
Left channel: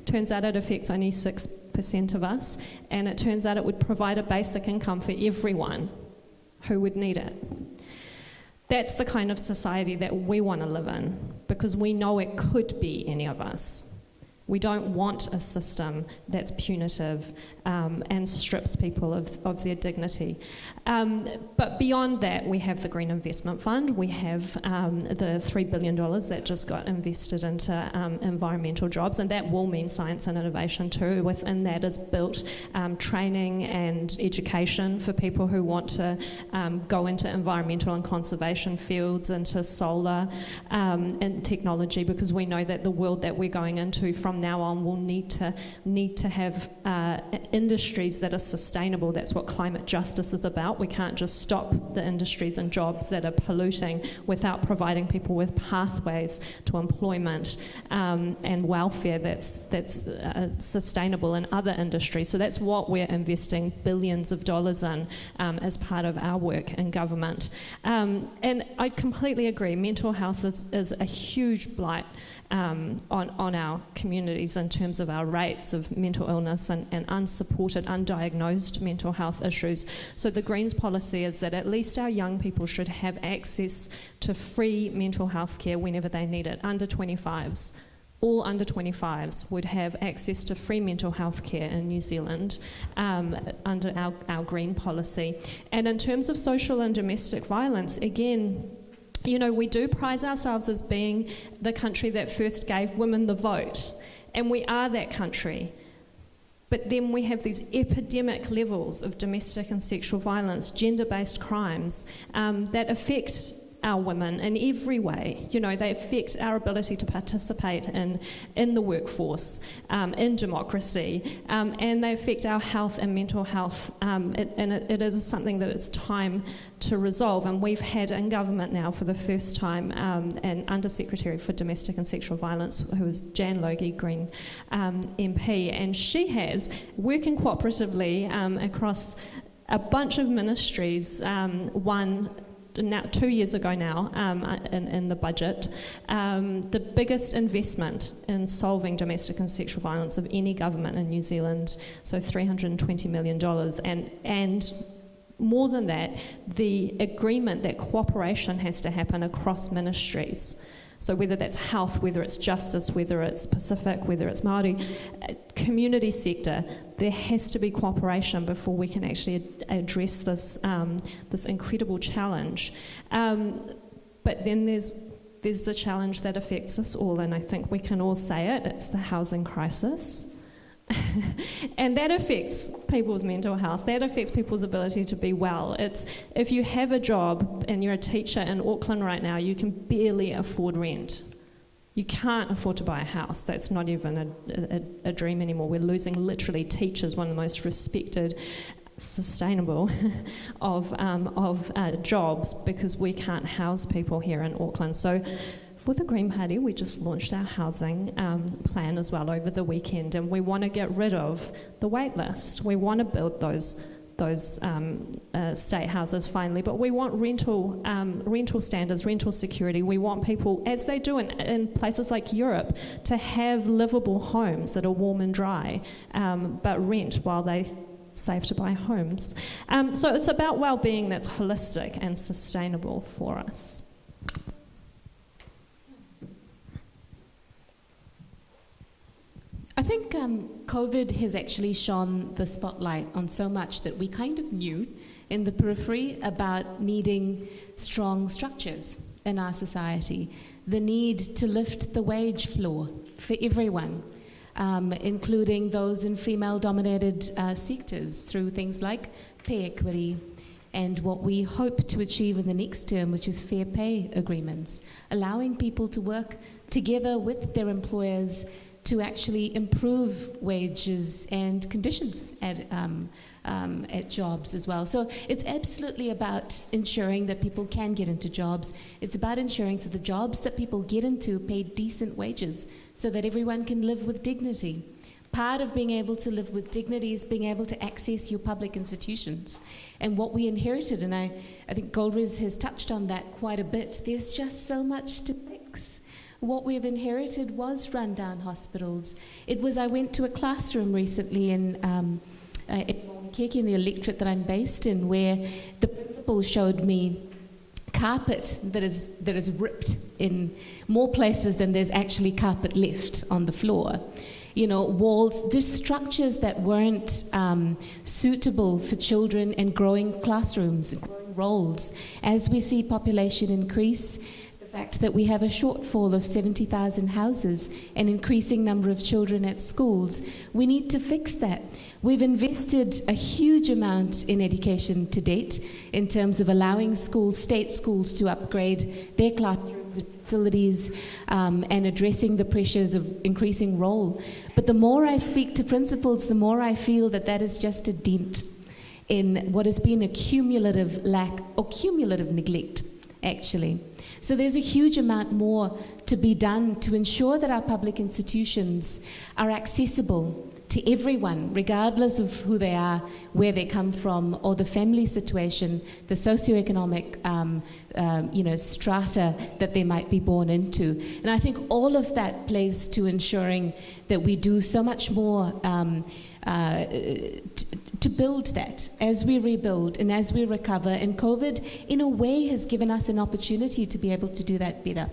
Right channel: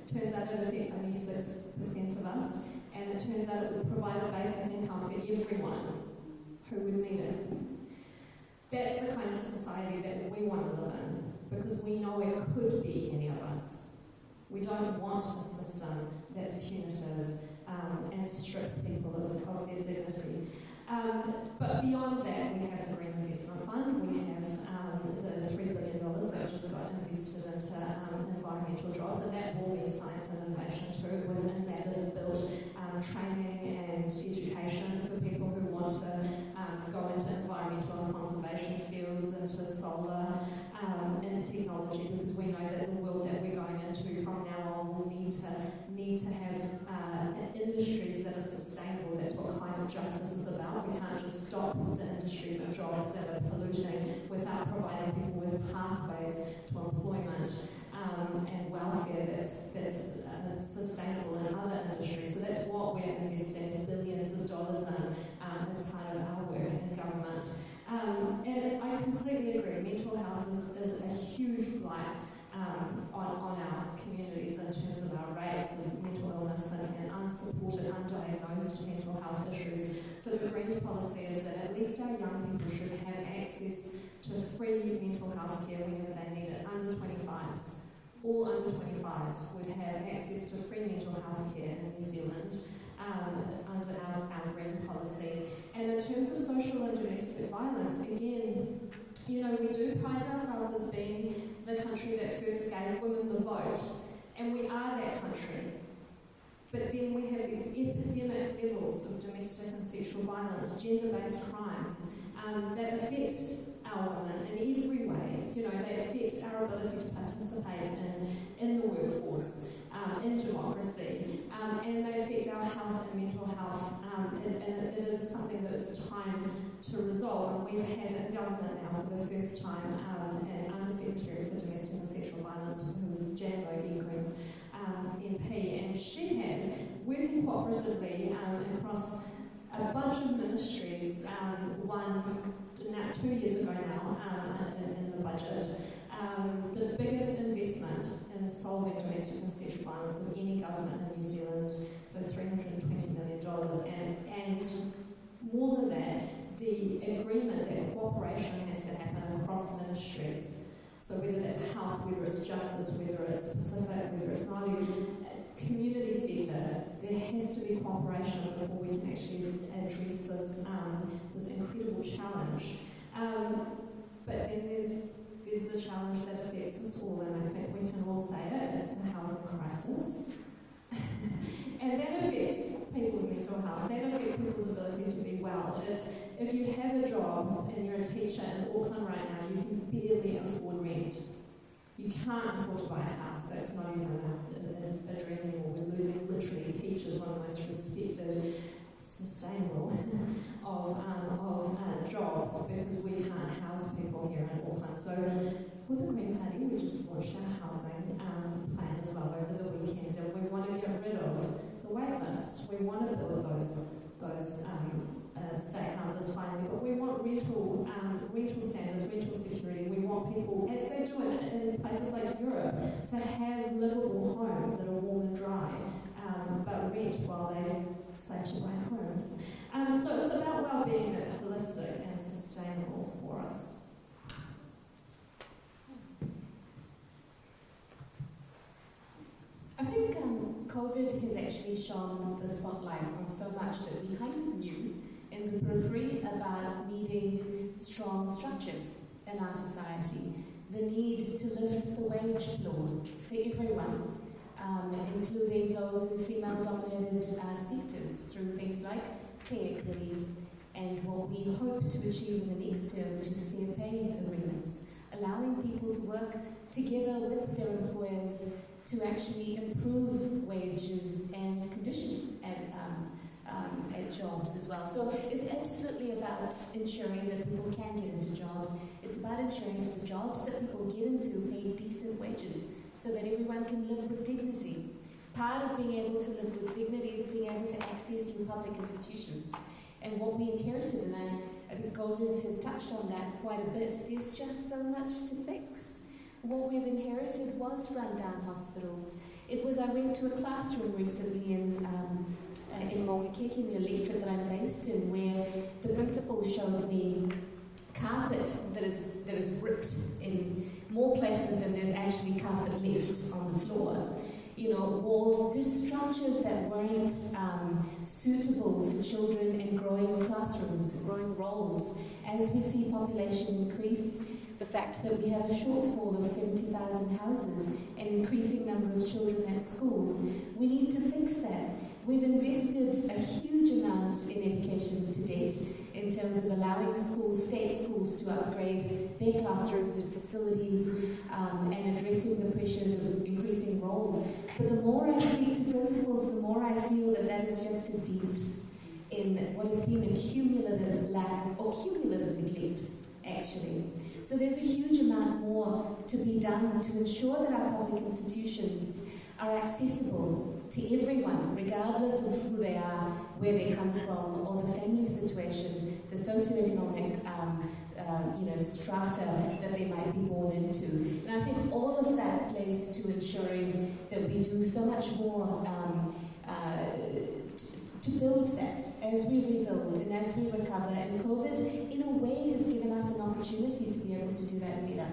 Turns out it affects only 6% of us, and it turns out it would provide a basic income for everyone who would need it. That's the kind of society that we want to live in, because we know it could be any of us. We don't want a system that's punitive and strips people of their dignity. But beyond that, we have the Green Investment Fund. We have the $3 billion that just got invested into environmental jobs, and that will mean science and innovation too. Within that is built training and education for people who want to go into environmental and conservation fields, into solar and technology, because we know that the world that we're going into from now on will need to have industries that are sustainable. That's what climate justice is about. We can't just stop the industries and jobs that are polluting without providing people with pathways to employment and welfare that's sustainable in other industries. So that's what we're investing billions of dollars in as part of our work in government. And I completely agree, mental health is a huge blight on our communities in terms of our rates of mental illness and unsupported, undiagnosed mental health issues. So the Greens policy is that at least our young people should have access to free mental health care whenever they need it. Under 25s, all under 25s would have access to free mental health care in New Zealand under our Green policy. And in terms of social and domestic violence, again, you know, we do prize ourselves as being the country that first gave women the vote, and we are that country. But then we have these epidemic levels of domestic and sexual violence, gender-based crimes that affect our women in every way. You know, they affect our ability to participate in the workforce, in democracy, and they affect our health and mental health. It is something that it's time to resolve. And we've had in government now for the first time an Undersecretary for Domestic and Sexual Violence, who is Jan Logie, Green MP, and she has, working cooperatively across a bunch of ministries, one now 2 years ago now in the budget, the biggest investment in solving domestic and sexual violence of any government in New Zealand, so $320 million, and more than that, the agreement that cooperation has to happen across ministries. So whether that's health, whether it's justice, whether it's Pacific, whether it's Māori, community sector, there has to be cooperation before we can actually address this this incredible challenge. But then there's the challenge that affects us all, and I think we can all say it, it's the housing crisis. And that affects people's mental health, that affects people's ability to be well. It's, if you have a job and you're a teacher in Auckland right now, you can barely afford rent. You can't afford to buy a house. That's not even a dream anymore. We're losing literally teachers, one of the most respected, sustainable of jobs, because we can't house people here in Auckland. So for the Green Party, we just launched our housing plan as well over the weekend, and we want to get rid of the wait list. We want to build those state houses finally, but we want rental standards, rental security. We want people, as they do in places like Europe, to have livable homes that are warm and dry, but rent while they save to buy homes. So it's about well-being that's holistic and sustainable for us. I think COVID has actually shone the spotlight on so much that we kind of knew in the periphery about needing strong structures in our society, the need to lift the wage floor for everyone, including those in female-dominated sectors through things like pay equity and what we hope to achieve in the next term, which is fair pay agreements, allowing people to work together with their employers to actually improve wages and conditions at jobs as well. So it's absolutely about ensuring that people can get into jobs. It's about ensuring that the jobs that people get into pay decent wages so that everyone can live with dignity. Part of being able to live with dignity is being able to access your public institutions. And what we inherited, and I think Golriz has touched on that quite a bit, there's just so much to fix. What we've inherited was rundown hospitals. I went to a classroom recently in Maungakeke, in the electorate that I'm based in, where the principal showed me carpet that is ripped in more places than there's actually carpet left on the floor. You know, walls, just structures that weren't suitable for children and growing classrooms, growing roles. As we see population increase, the fact that we have a shortfall of 70,000 houses, an increasing number of children at schools, we need to fix that. We've invested a huge amount in education to date in terms of allowing schools, state schools, to upgrade their classrooms and facilities and addressing the pressures of increasing role. But the more I speak to principals, the more I feel that that is just a dent in what has been a cumulative lack or cumulative neglect, actually. So there's a huge amount more to be done to ensure that our public institutions are accessible to everyone, regardless of who they are, where they come from, or the family situation, the socioeconomic strata that they might be born into. And I think all of that plays to ensuring that we do so much more to build that as we rebuild and as we recover. And COVID, in a way, has given us an opportunity to be able to do that better.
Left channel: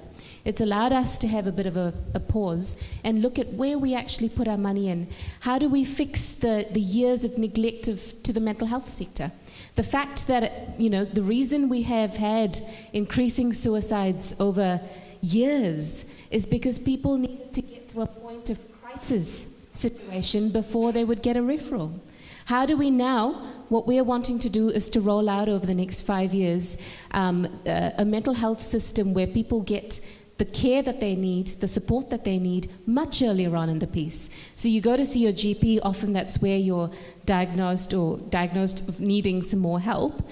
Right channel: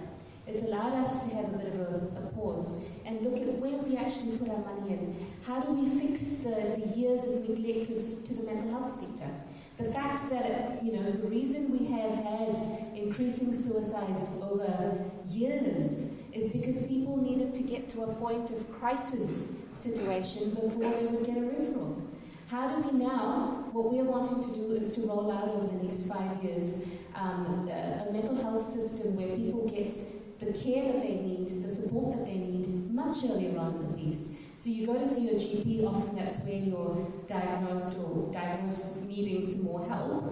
It's allowed us to have a bit of a pause and look at where we actually put our money in. How do we fix the years of neglect to the mental health sector? The fact that, the reason we have had increasing suicides over years is because people needed to get to a point of crisis situation before they would get a referral. How do we now, what we are wanting to do is to roll out over the next 5 years a mental health system where people get the care that they need, the support that they need much earlier on in the piece. So you go to see your GP, often that's where you're diagnosed of needing some more help.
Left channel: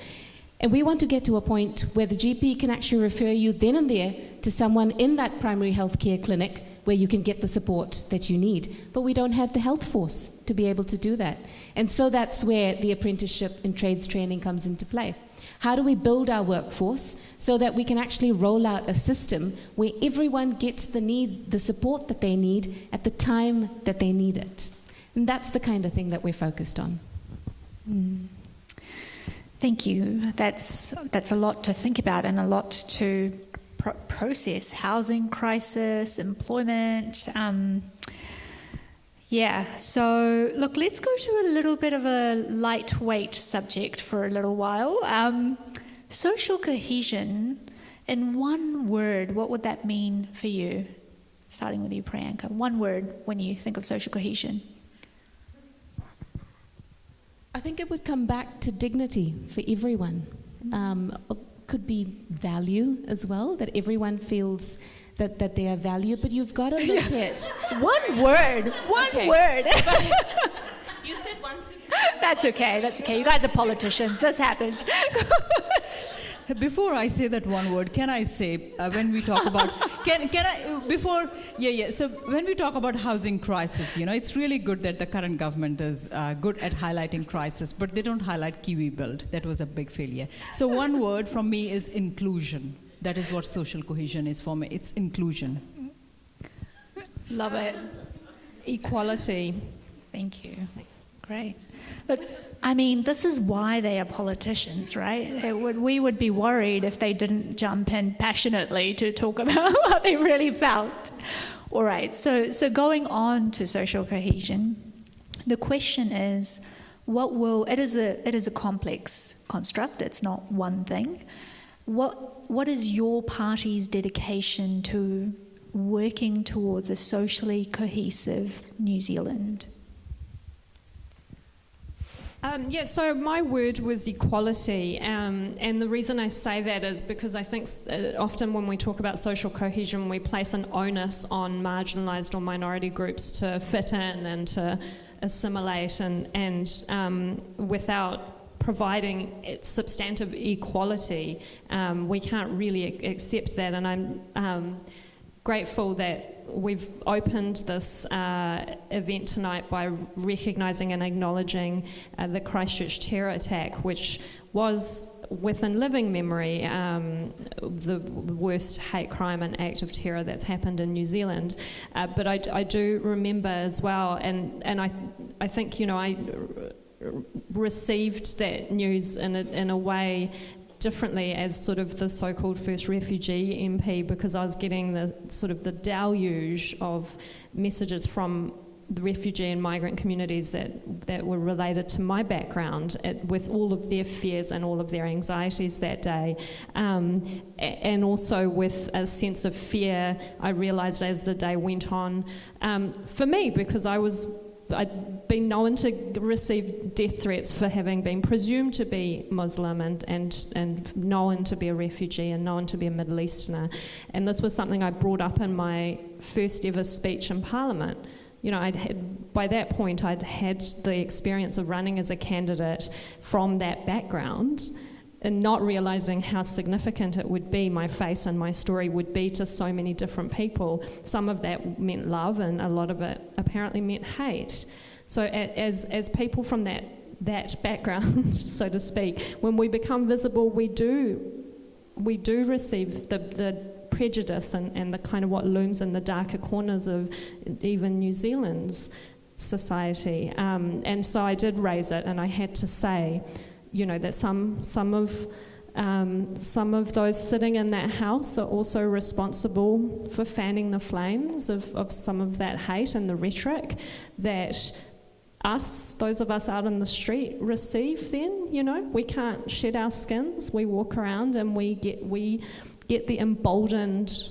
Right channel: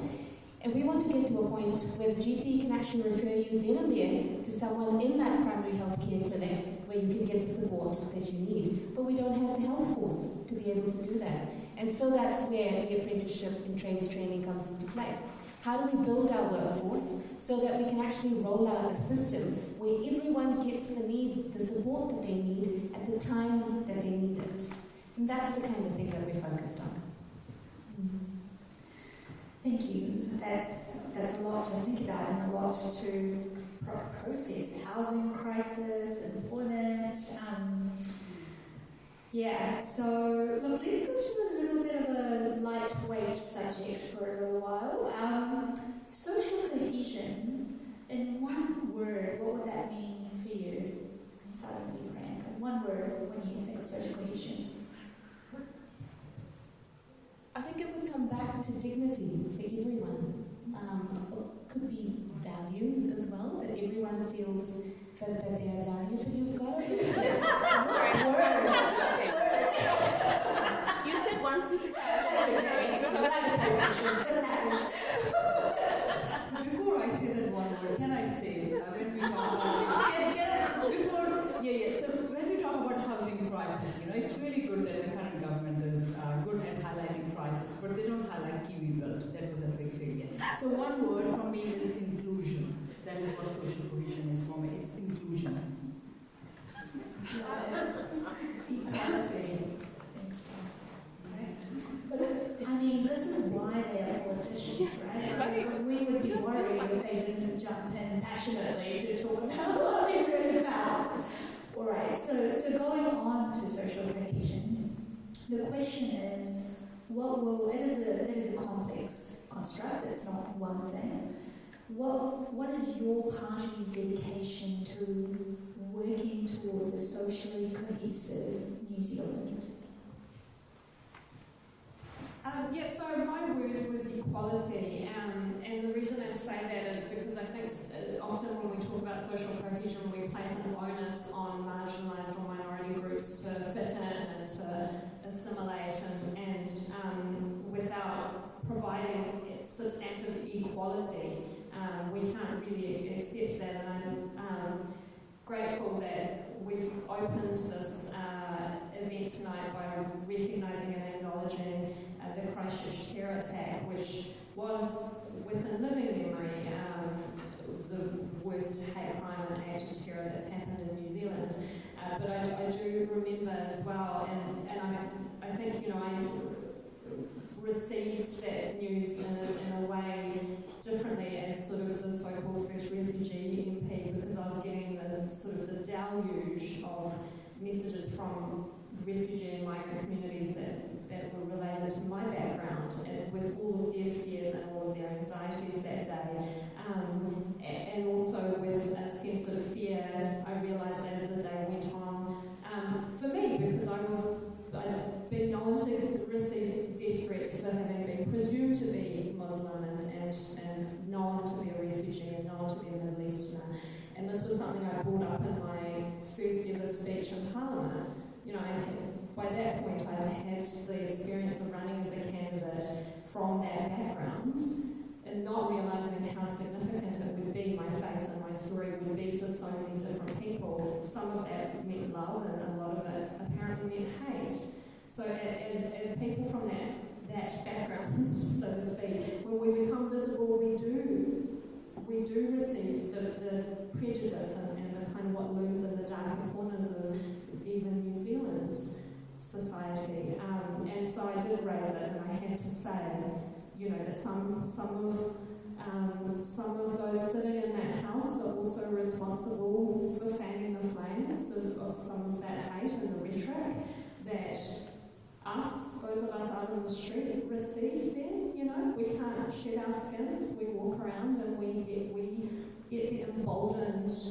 And we want to get to a point where the GP can actually refer you then and there to someone in that primary health care clinic where you can get the support that you need. But we don't have the health force to be able to do that. And so that's where the apprenticeship and trades training comes into play. How do we build our workforce so that we can actually roll out a system where everyone gets the support that they need at the time that they need it? And that's the kind of thing that we're focused on. Thank you. That's a lot to think about and a lot to process. Housing crisis, employment. So look, let's go to a little bit of a lightweight subject for a little while. Social cohesion, in one word, what would that mean for you? Starting with you, Priyanka. One word when you think of social cohesion. I think it would come back to dignity for everyone. Could be value as well, that everyone feels that they are valued, but you've got to look at One word. You said once. That's okay. You guys are politicians. This happens. Before I say that one word, can I say when we talk about So when we talk about housing crisis, it's really good that the current government is good at highlighting crisis, but they don't highlight Kiwi Build. That was a big failure. So one word from me is inclusion. That is what social cohesion is for me. It's inclusion. Love it. Equality. Thank you. Great. But, this is why they are politicians, right? We would be worried if they didn't jump in passionately to talk about what they really felt. All right, so going on to social cohesion, the question is, it is a complex construct, it's not one thing. What is your party's dedication to working towards a socially cohesive New Zealand? So my word was equality, and the reason I say that is because I think often when we talk about social cohesion, we place an onus on marginalised or minority groups to fit in and to assimilate, and without providing substantive equality, we can't really accept that. And I'm grateful that we've opened this event tonight by recognising and acknowledging the Christchurch terror attack, which was, within living memory, the worst hate crime and act of terror that's happened in New Zealand. But I do remember as well, and I think, I received that news in a way differently as sort of the so-called first refugee MP, because I was getting the deluge of messages from the refugee and migrant communities that were related to my background, with all of their fears and all of their anxieties that day, and also with a sense of fear I realised as the day went on, for me, because I'd been known to receive death threats for having been presumed to be Muslim and known to be a refugee and known to be a Middle Easterner. And this was something I brought up in my first ever speech in Parliament. By that point, I'd had the experience of running as a candidate from that background, and not realising how significant it would be, my face and my story would be to so many different people. Some of that meant love, and a lot of it apparently meant hate. So as people from that background, so to speak, when we become visible, we do receive the prejudice and the kind of what looms in the darker corners of even New Zealand's society. And so I did raise it, and I had to say, that some of those sitting in that house are also responsible for fanning the flames of some of that hate and the rhetoric that those of us out in the street receive then. We can't shed our skins, we walk around and we get the emboldened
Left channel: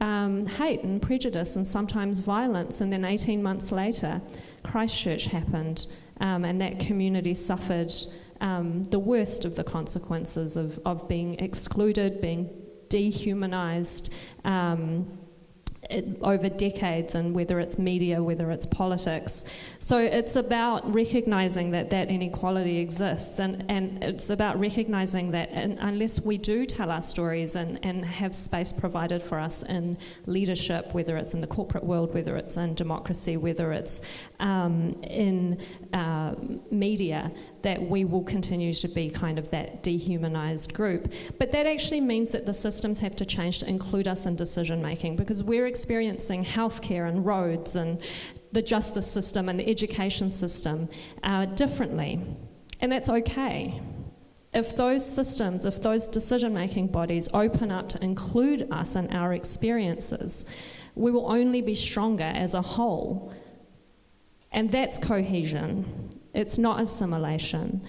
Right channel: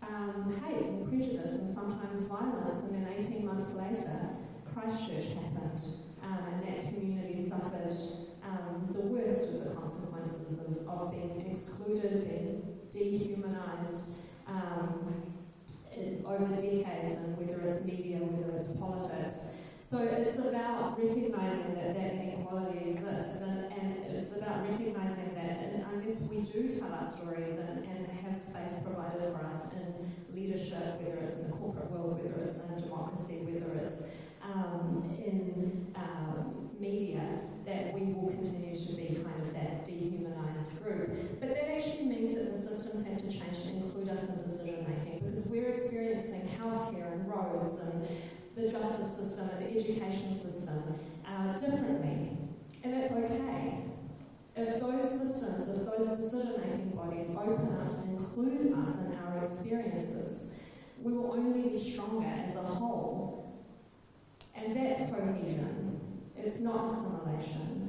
hate and prejudice and sometimes violence, and then 18 months later Christchurch happened. and that community suffered the worst of the consequences of being excluded, being dehumanized over decades, and whether it's media, whether it's politics. So it's about recognizing that that inequality exists, and it's about recognizing that unless we do tell our stories and have space provided for us in leadership, whether it's in the corporate world, whether it's in democracy, whether it's in media, that we will continue to be kind of that dehumanized group. But that actually means that the systems have to change to include us in decision making, because we're experiencing healthcare and roads and the justice system and the education system differently. And that's okay. If those systems, if those decision making bodies open up to include us in our experiences, we will only be stronger as a whole. And that's cohesion. It's not assimilation.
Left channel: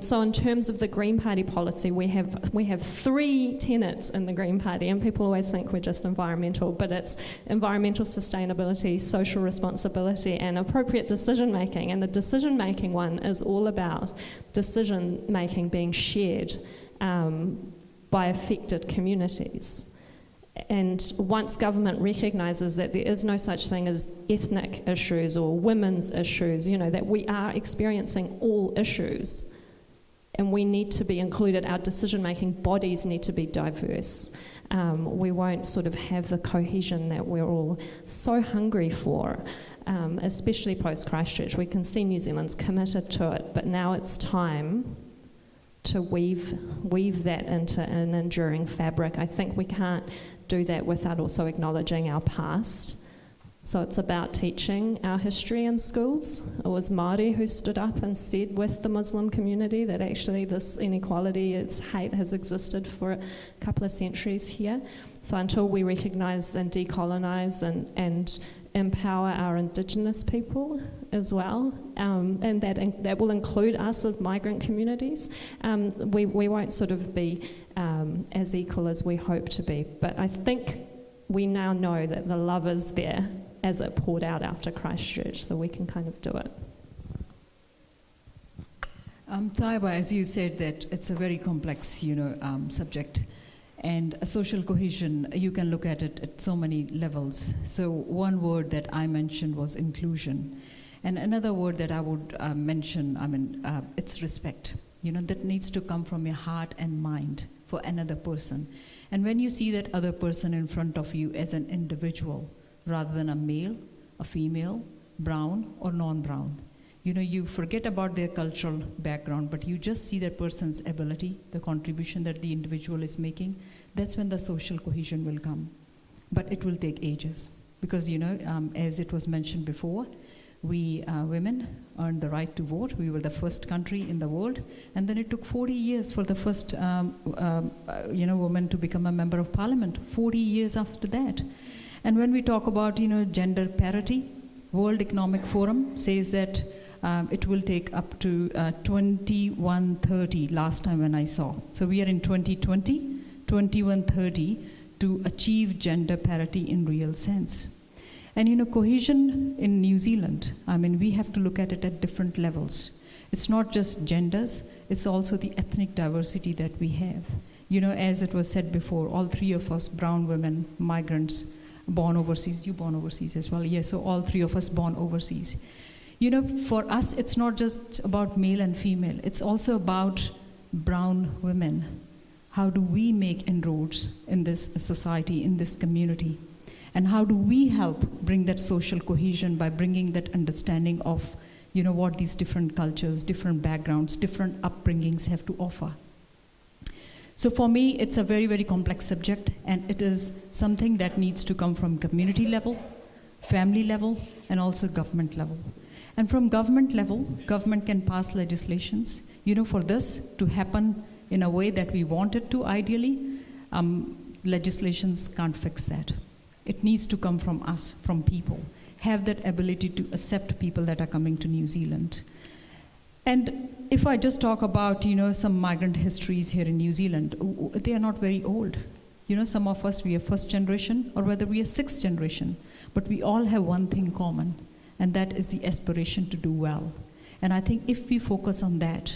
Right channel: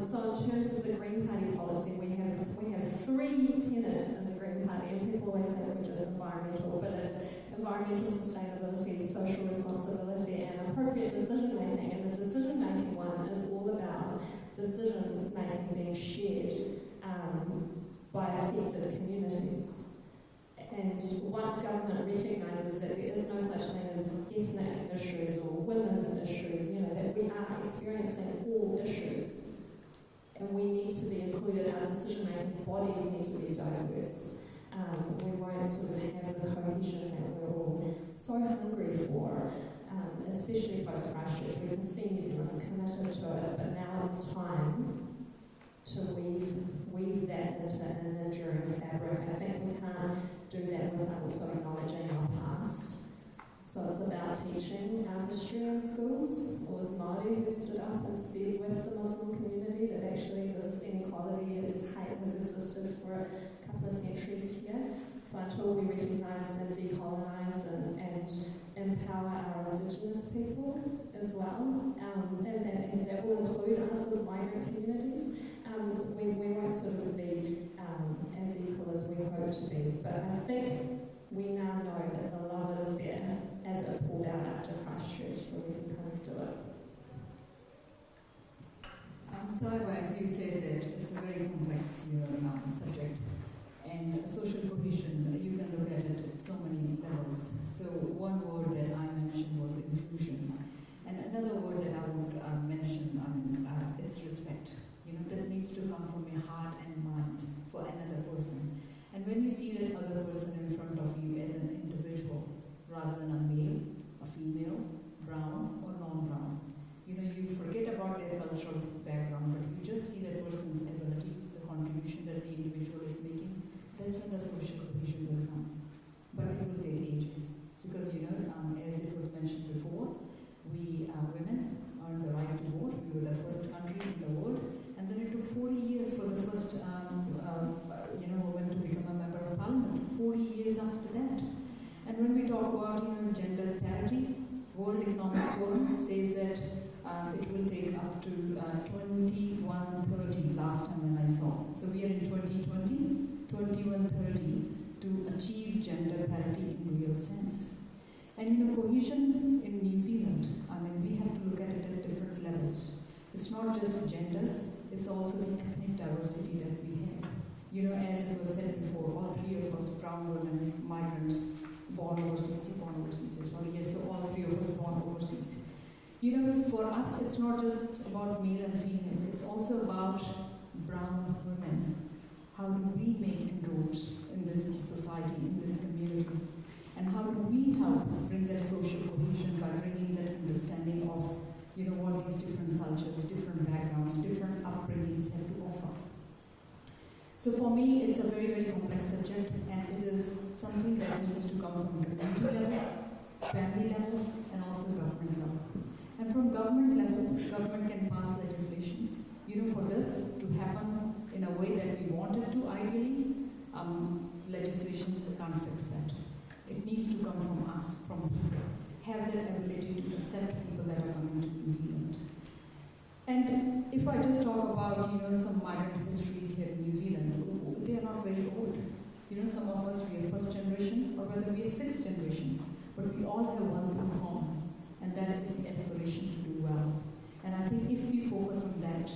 So in terms of the Green Party policy, we have 3 tenets in the Green Party, and people always think we're just environmental, but it's environmental sustainability, social responsibility, and appropriate decision making. And the decision making one is all about decision making being shared by affected communities. And once government recognises that there is no such thing as ethnic issues or women's issues, you know, that we are experiencing all issues and we need to be included, our decision-making bodies need to be diverse. We won't sort of have the cohesion that we're all so hungry for, especially post-Christchurch. We can see New Zealand's committed to it, but now it's time to weave that into an enduring fabric. I think we can't do that without also acknowledging our past. So it's about teaching our history in schools. It was Māori who stood up and said with the Muslim community that actually this inequality, its hate has existed for a couple of centuries here. So until we recognise and decolonise and empower our Indigenous people as well, and that will include us as migrant communities, we won't sort of be as equal as we hope to be. But I think we now know that the love is there as it poured out after Christchurch, so we can kind of do it. Tayyaba, as you said, that it's a very complex, subject. And social cohesion, you can look at it at so many levels. So one word that I mentioned was inclusion. And another word that I would mention, it's respect. That needs to come from your heart and mind for another person. And when you see that other person in front of you as an individual, rather than a male, a female, brown or non-brown, you forget about their cultural background, but you just see that person's ability, the contribution that the individual is making. That's when the social cohesion will come. But it will take ages. Because, as it was mentioned before, we women earned the right to vote. We were the first country in the world. And then it took 40 years for the first woman to become a member of parliament. 40 years after that. And when we talk about, gender parity, World Economic Forum says that it will take up to 2130 last time when I saw. So we are in 2020, 2130 to achieve gender parity in real sense. And cohesion in New Zealand, we have to look at it at different levels. It's not just genders, it's also the ethnic diversity that we have. As it was said before, all 3 of us, brown women, migrants, born overseas, you born overseas as well, yes, so all 3 of us born overseas. For us, it's not just about male and female, it's also about brown women. How do we make inroads in this society, in this community? And how do we help bring that social cohesion by bringing that understanding of, what these different cultures, different backgrounds, different upbringings have to offer? So for me, it's a very, very complex subject, and it is something that needs to come from community level, family level, and also government level. And from government level, government can pass legislations. For this to happen in a way that we want it to ideally, legislations can't fix that. It needs to come from us, from people. Have that ability to accept people that are coming to New Zealand. And if I just talk about, some migrant histories here in New Zealand, they are not very old. Some of us, we are first generation, or whether we are sixth generation, but we all have one thing common, and that is the aspiration to do well. And I think if we focus on that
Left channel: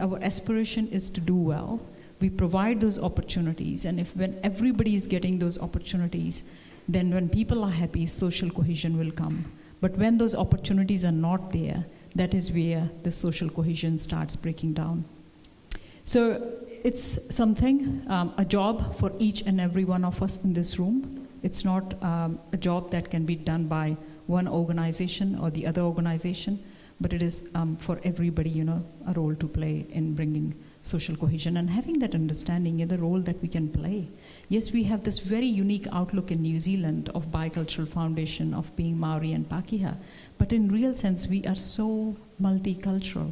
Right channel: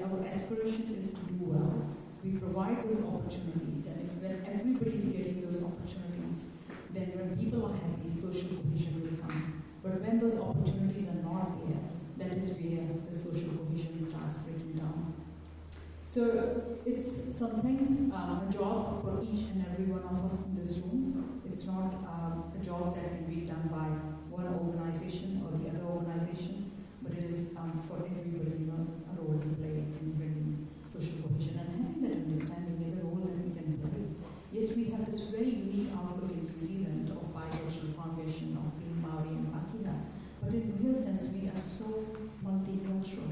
our aspiration is to do well, we provide those opportunities, and when everybody is getting those opportunities, then when people are happy, social cohesion will come. But when those opportunities are not there, that is where the social cohesion starts breaking down. So it's something, a job for each and every one of us in this room. It's not a job that can be done by one organization or the other organization, but it is for everybody, a role to play in bringing social cohesion and having that understanding in the role that we can play. Yes, we have this very unique outlook in New Zealand of bicultural foundation, of being Maori and Pakeha, but in real sense, we are so multicultural.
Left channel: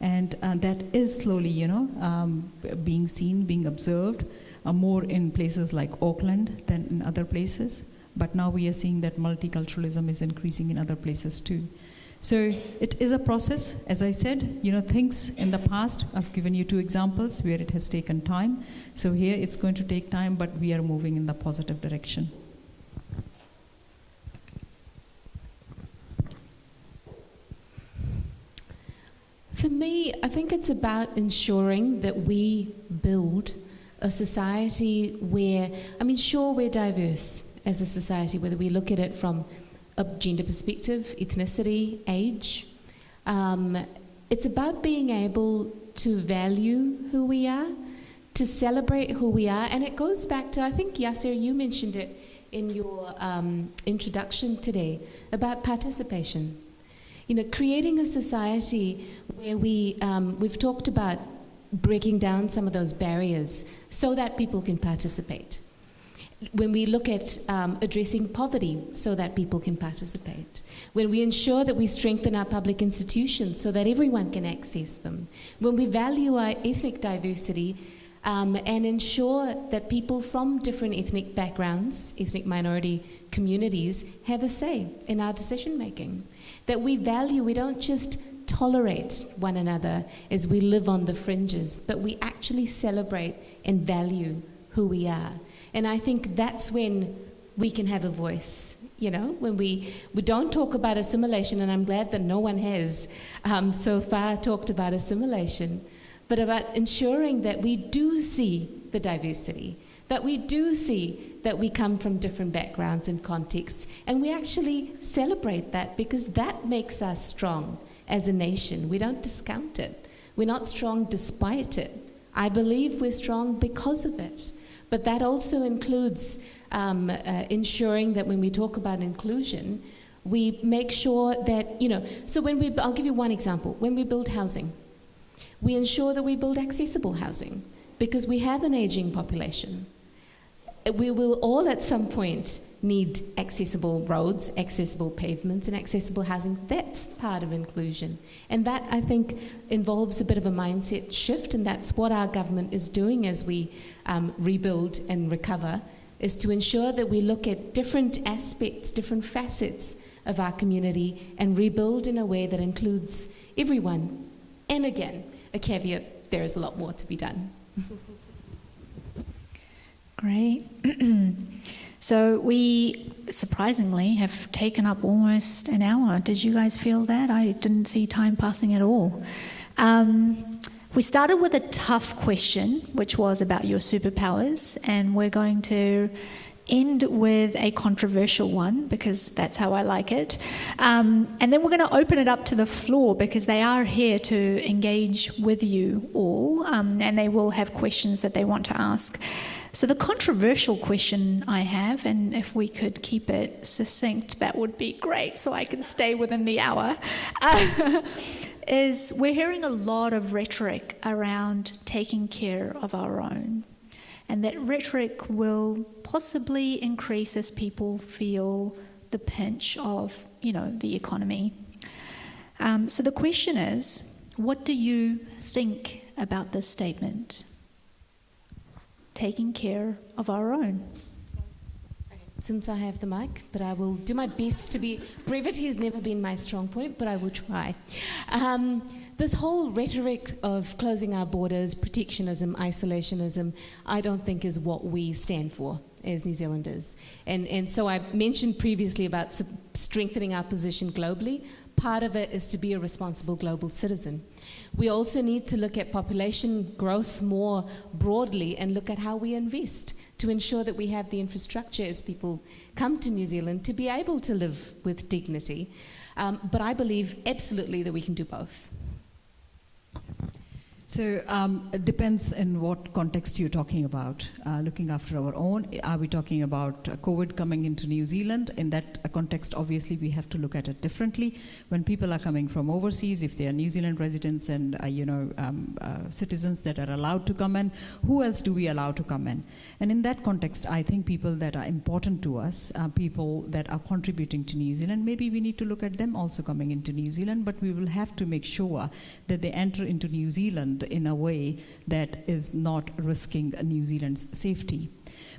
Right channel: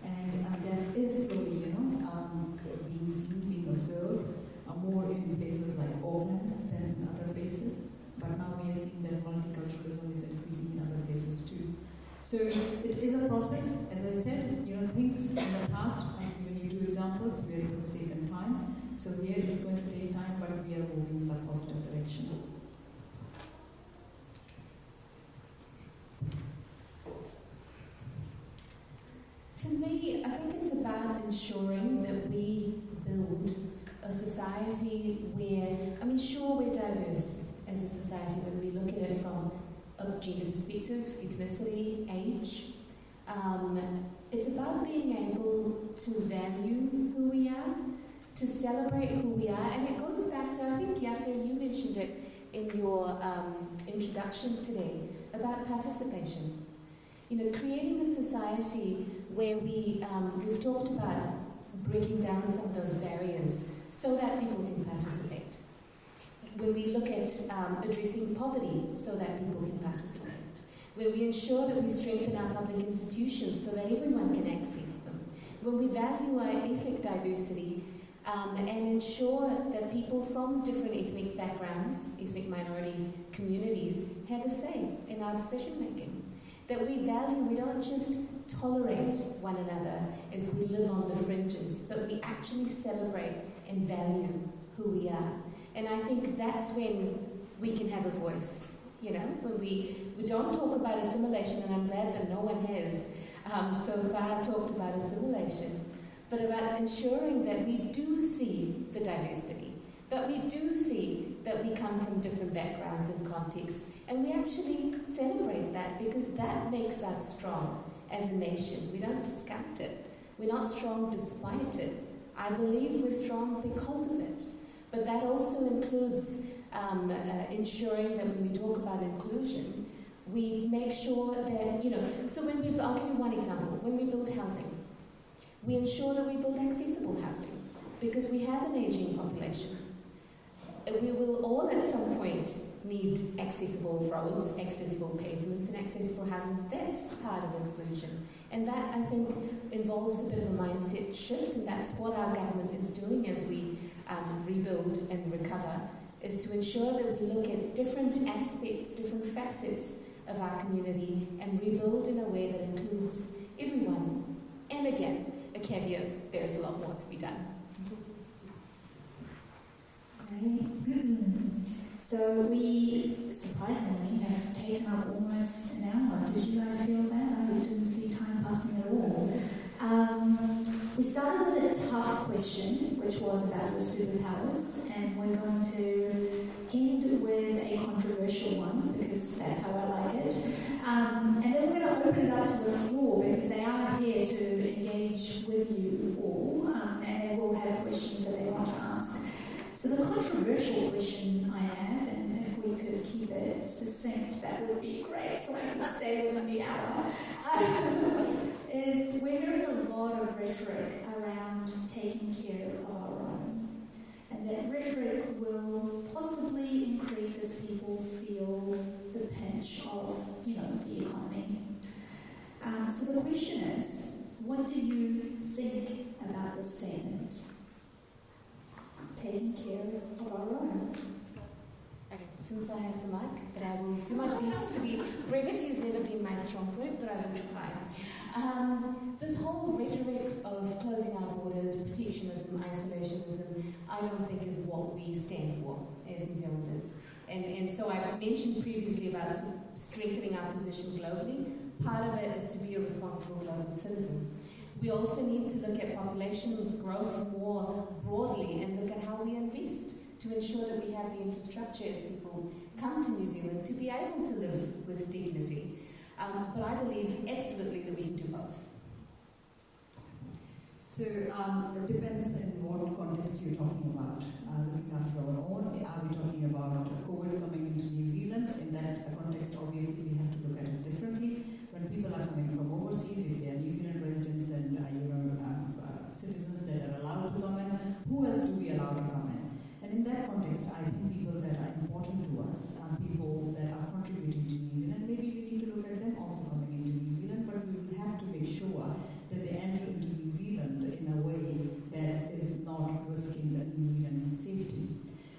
And that is slowly, being seen, being observed, more in places like Auckland than in other places. But now we are seeing that multiculturalism is increasing in other places too. So it is a process, as I said, things in the past, I've given you 2 examples where it has taken time. So here it's going to take time, but we are moving in the positive direction. For me, I think it's about ensuring that we build a society where, sure, we're diverse as a society, whether we look at it from a gender perspective, ethnicity, age. It's about being able to value who we are, to celebrate who we are, and it goes back to, I think, Yasser, you mentioned it in your introduction today, about participation. Creating a society where we've talked about breaking down some of those barriers so that people can participate. When we look at addressing poverty so that people can participate. When we ensure that we strengthen our public institutions so that everyone can access them. When we value our ethnic diversity and ensure that people from different ethnic backgrounds, ethnic minority communities, have a say in our decision making. That we don't just tolerate one another as we live on the fringes, but we actually celebrate and value who we are. And I think that's when we can have a voice, when we don't talk about assimilation, and I'm glad that no one has so far talked about assimilation, but about ensuring that we do see the diversity, that we do see that we come from different backgrounds and contexts, and we actually celebrate that, because that makes us strong as a nation. We don't discount it. We're not strong despite it. I believe we're strong because of it. But that also includes ensuring that when we talk about inclusion, we make sure that, so I'll give you one example. When we build housing, we ensure that we build accessible housing, because we have an aging population. We will all at some point need accessible roads, accessible pavements, and accessible housing. That's part of inclusion. And that, I think, involves a bit of a mindset shift, and that's what our government is doing as we rebuild and recover, is to ensure that we look at different aspects, different facets of our community and rebuild in a way that includes everyone. And again, a caveat, there is a lot more to be done. Great. So we, surprisingly, have taken up almost an hour. Did you guys feel that? I didn't see time passing at all. We started with a tough question, which was about your superpowers, and we're going to end with a controversial one, because that's how I like it. And then we're going to open it up to the floor, because they are here to engage with you all, and they will have questions that they want to ask. So the controversial question I have, and if we could keep it succinct, that would be great, so I can stay within the hour, is we're hearing a lot of rhetoric around taking care of our own. And that rhetoric will possibly increase as people feel the pinch of, the economy. So the question is, what do you think about this statement? Taking care of our own. Since I have the mic, but I will do my best to be... Brevity has never been my strong point, but I will try. This whole rhetoric of closing our borders, protectionism, isolationism, I don't think is what we stand for as New Zealanders. And so I mentioned previously about strengthening our position globally. Part of it is to be a responsible global citizen. We also need to look at population growth more broadly and look at how we invest to ensure that we have the infrastructure as people come to New Zealand to be able to live with dignity. But I believe absolutely that we can do both. So it depends in what context you're talking about. Looking after our own, are we talking about COVID coming into New Zealand? In that context, obviously, we have to look at it differently. When people are coming from overseas, if they are New Zealand residents and citizens that are allowed to come in, who else do we allow to come in? And in that context, I think people that are important to us, people that are contributing to New Zealand, maybe we need to look at them also coming into New Zealand, but we will have to make sure that they enter into New Zealand in a way that is not risking New Zealand's safety.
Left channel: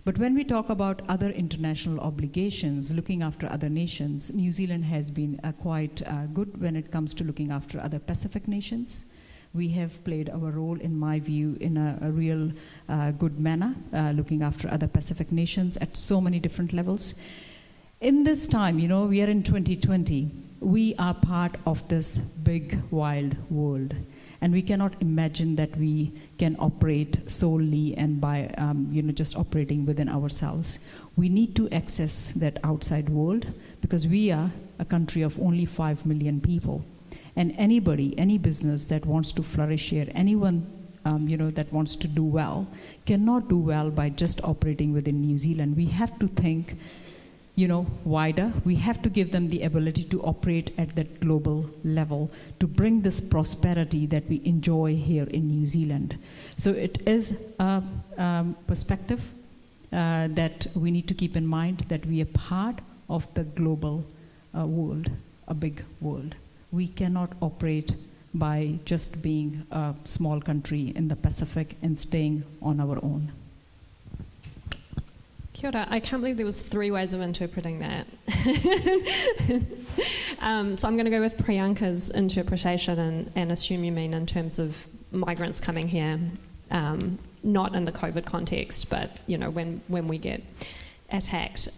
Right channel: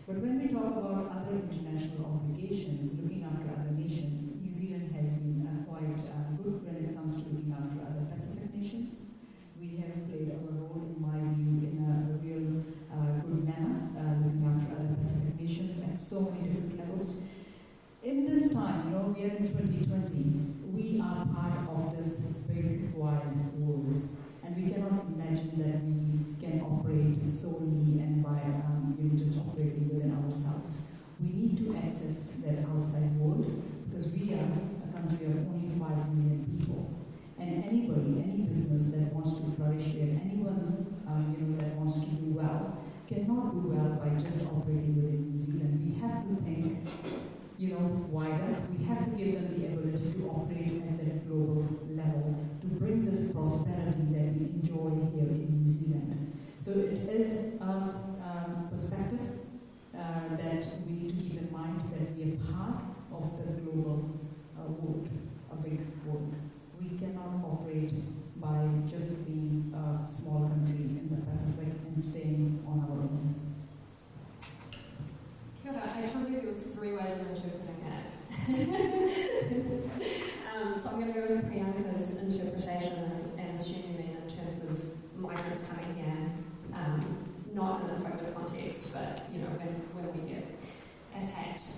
But when we talk about other international obligations, looking after other nations, New Zealand has been quite good when it comes to looking after other Pacific nations. We have played our role, in my view, in a real good manner, looking after other Pacific nations at so many different levels. In this time, we are in 2020, we are part of this big, wild world. And we cannot imagine that we can operate solely and by just operating within ourselves. We need to access that outside world because we are a country of only 5 million people. And anybody, any business that wants to flourish here, anyone that wants to do well, cannot do well by just operating within New Zealand. We have to think wider. We have to give them the ability to operate at that global level to bring this prosperity that we enjoy here in New Zealand. So it is a perspective that we need to keep in mind, that we are part of the global world, a big world. We cannot operate by just being a small country in the Pacific and staying on our own. Kia ora. I can't believe there was 3 ways of interpreting that. So I'm going to go with Priyanka's interpretation and assume you mean in terms of migrants coming here, not in the COVID context, but when we get attacked.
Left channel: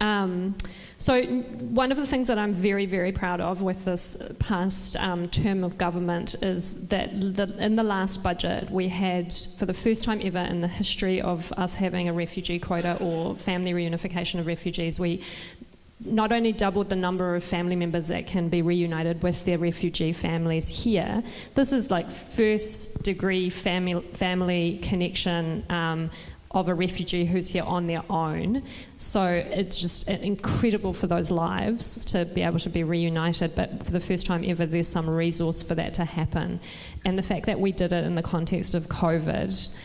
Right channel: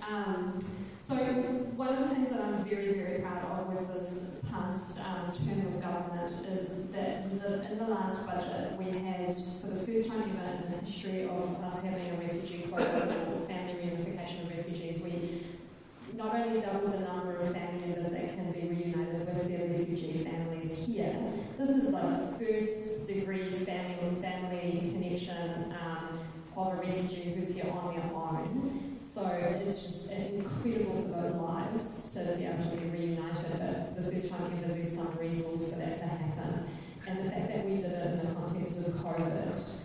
So one of the things that I'm very, very proud of with this past term of government is that in the last budget we had, for the first time ever in the history of us having a refugee quota or family reunification of refugees, we not only doubled the number of family members that can be reunited with their refugee families here. This is like first degree family connection of a refugee who's here on their own. So it's just incredible for those lives to be able to be reunited, but for the first time ever there's some resource for that to happen. And the fact that we did it in the context of COVID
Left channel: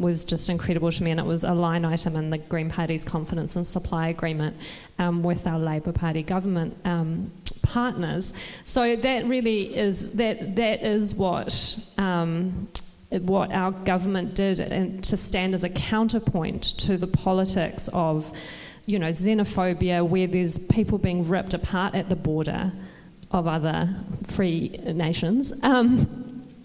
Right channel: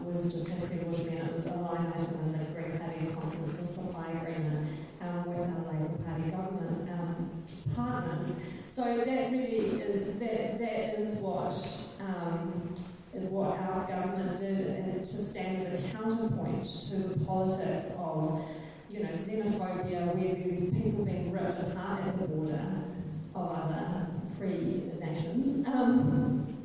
was just incredible to me, and it was a line item in the Green Party's confidence and supply agreement with our Labour Party government partners. So that really is, that is what our government did, and to stand as a counterpoint to the politics of, xenophobia, where there's people being ripped apart at the border of other free nations.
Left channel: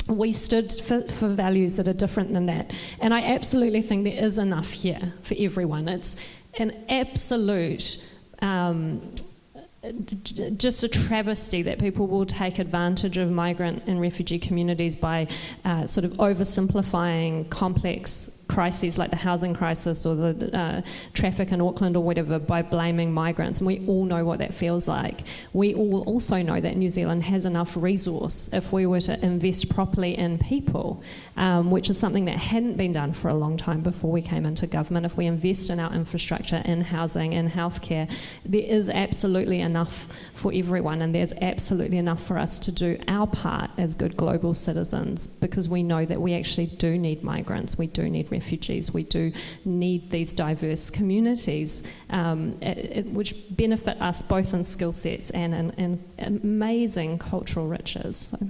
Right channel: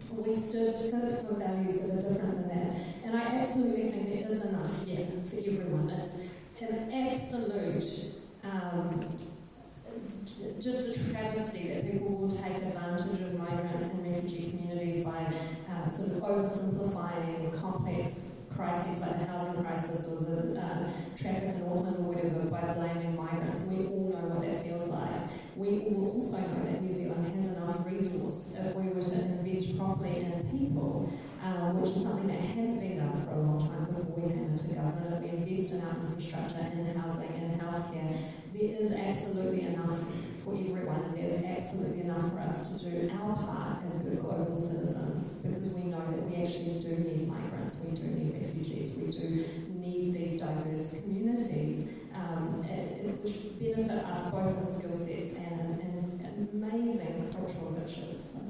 We stood for values that are different than that. And I absolutely think there is enough here for everyone. It's an absolute just a travesty that people will take advantage of migrant and refugee communities by sort of oversimplifying complex crises like the housing crisis or the traffic in Auckland or whatever by blaming migrants. And we all know what that feels like. We all also know that New Zealand has enough resource if we were to invest properly in people, which is something that hadn't been done for a long time before we came into government. If we invest in our infrastructure, in housing, in healthcare, there is absolutely enough for everyone, and there's absolutely enough for us to do our part as good global citizens, because we know that we actually do need migrants, we do need refugees, we do need these diverse communities, which benefit us both in skill sets and in amazing cultural riches. So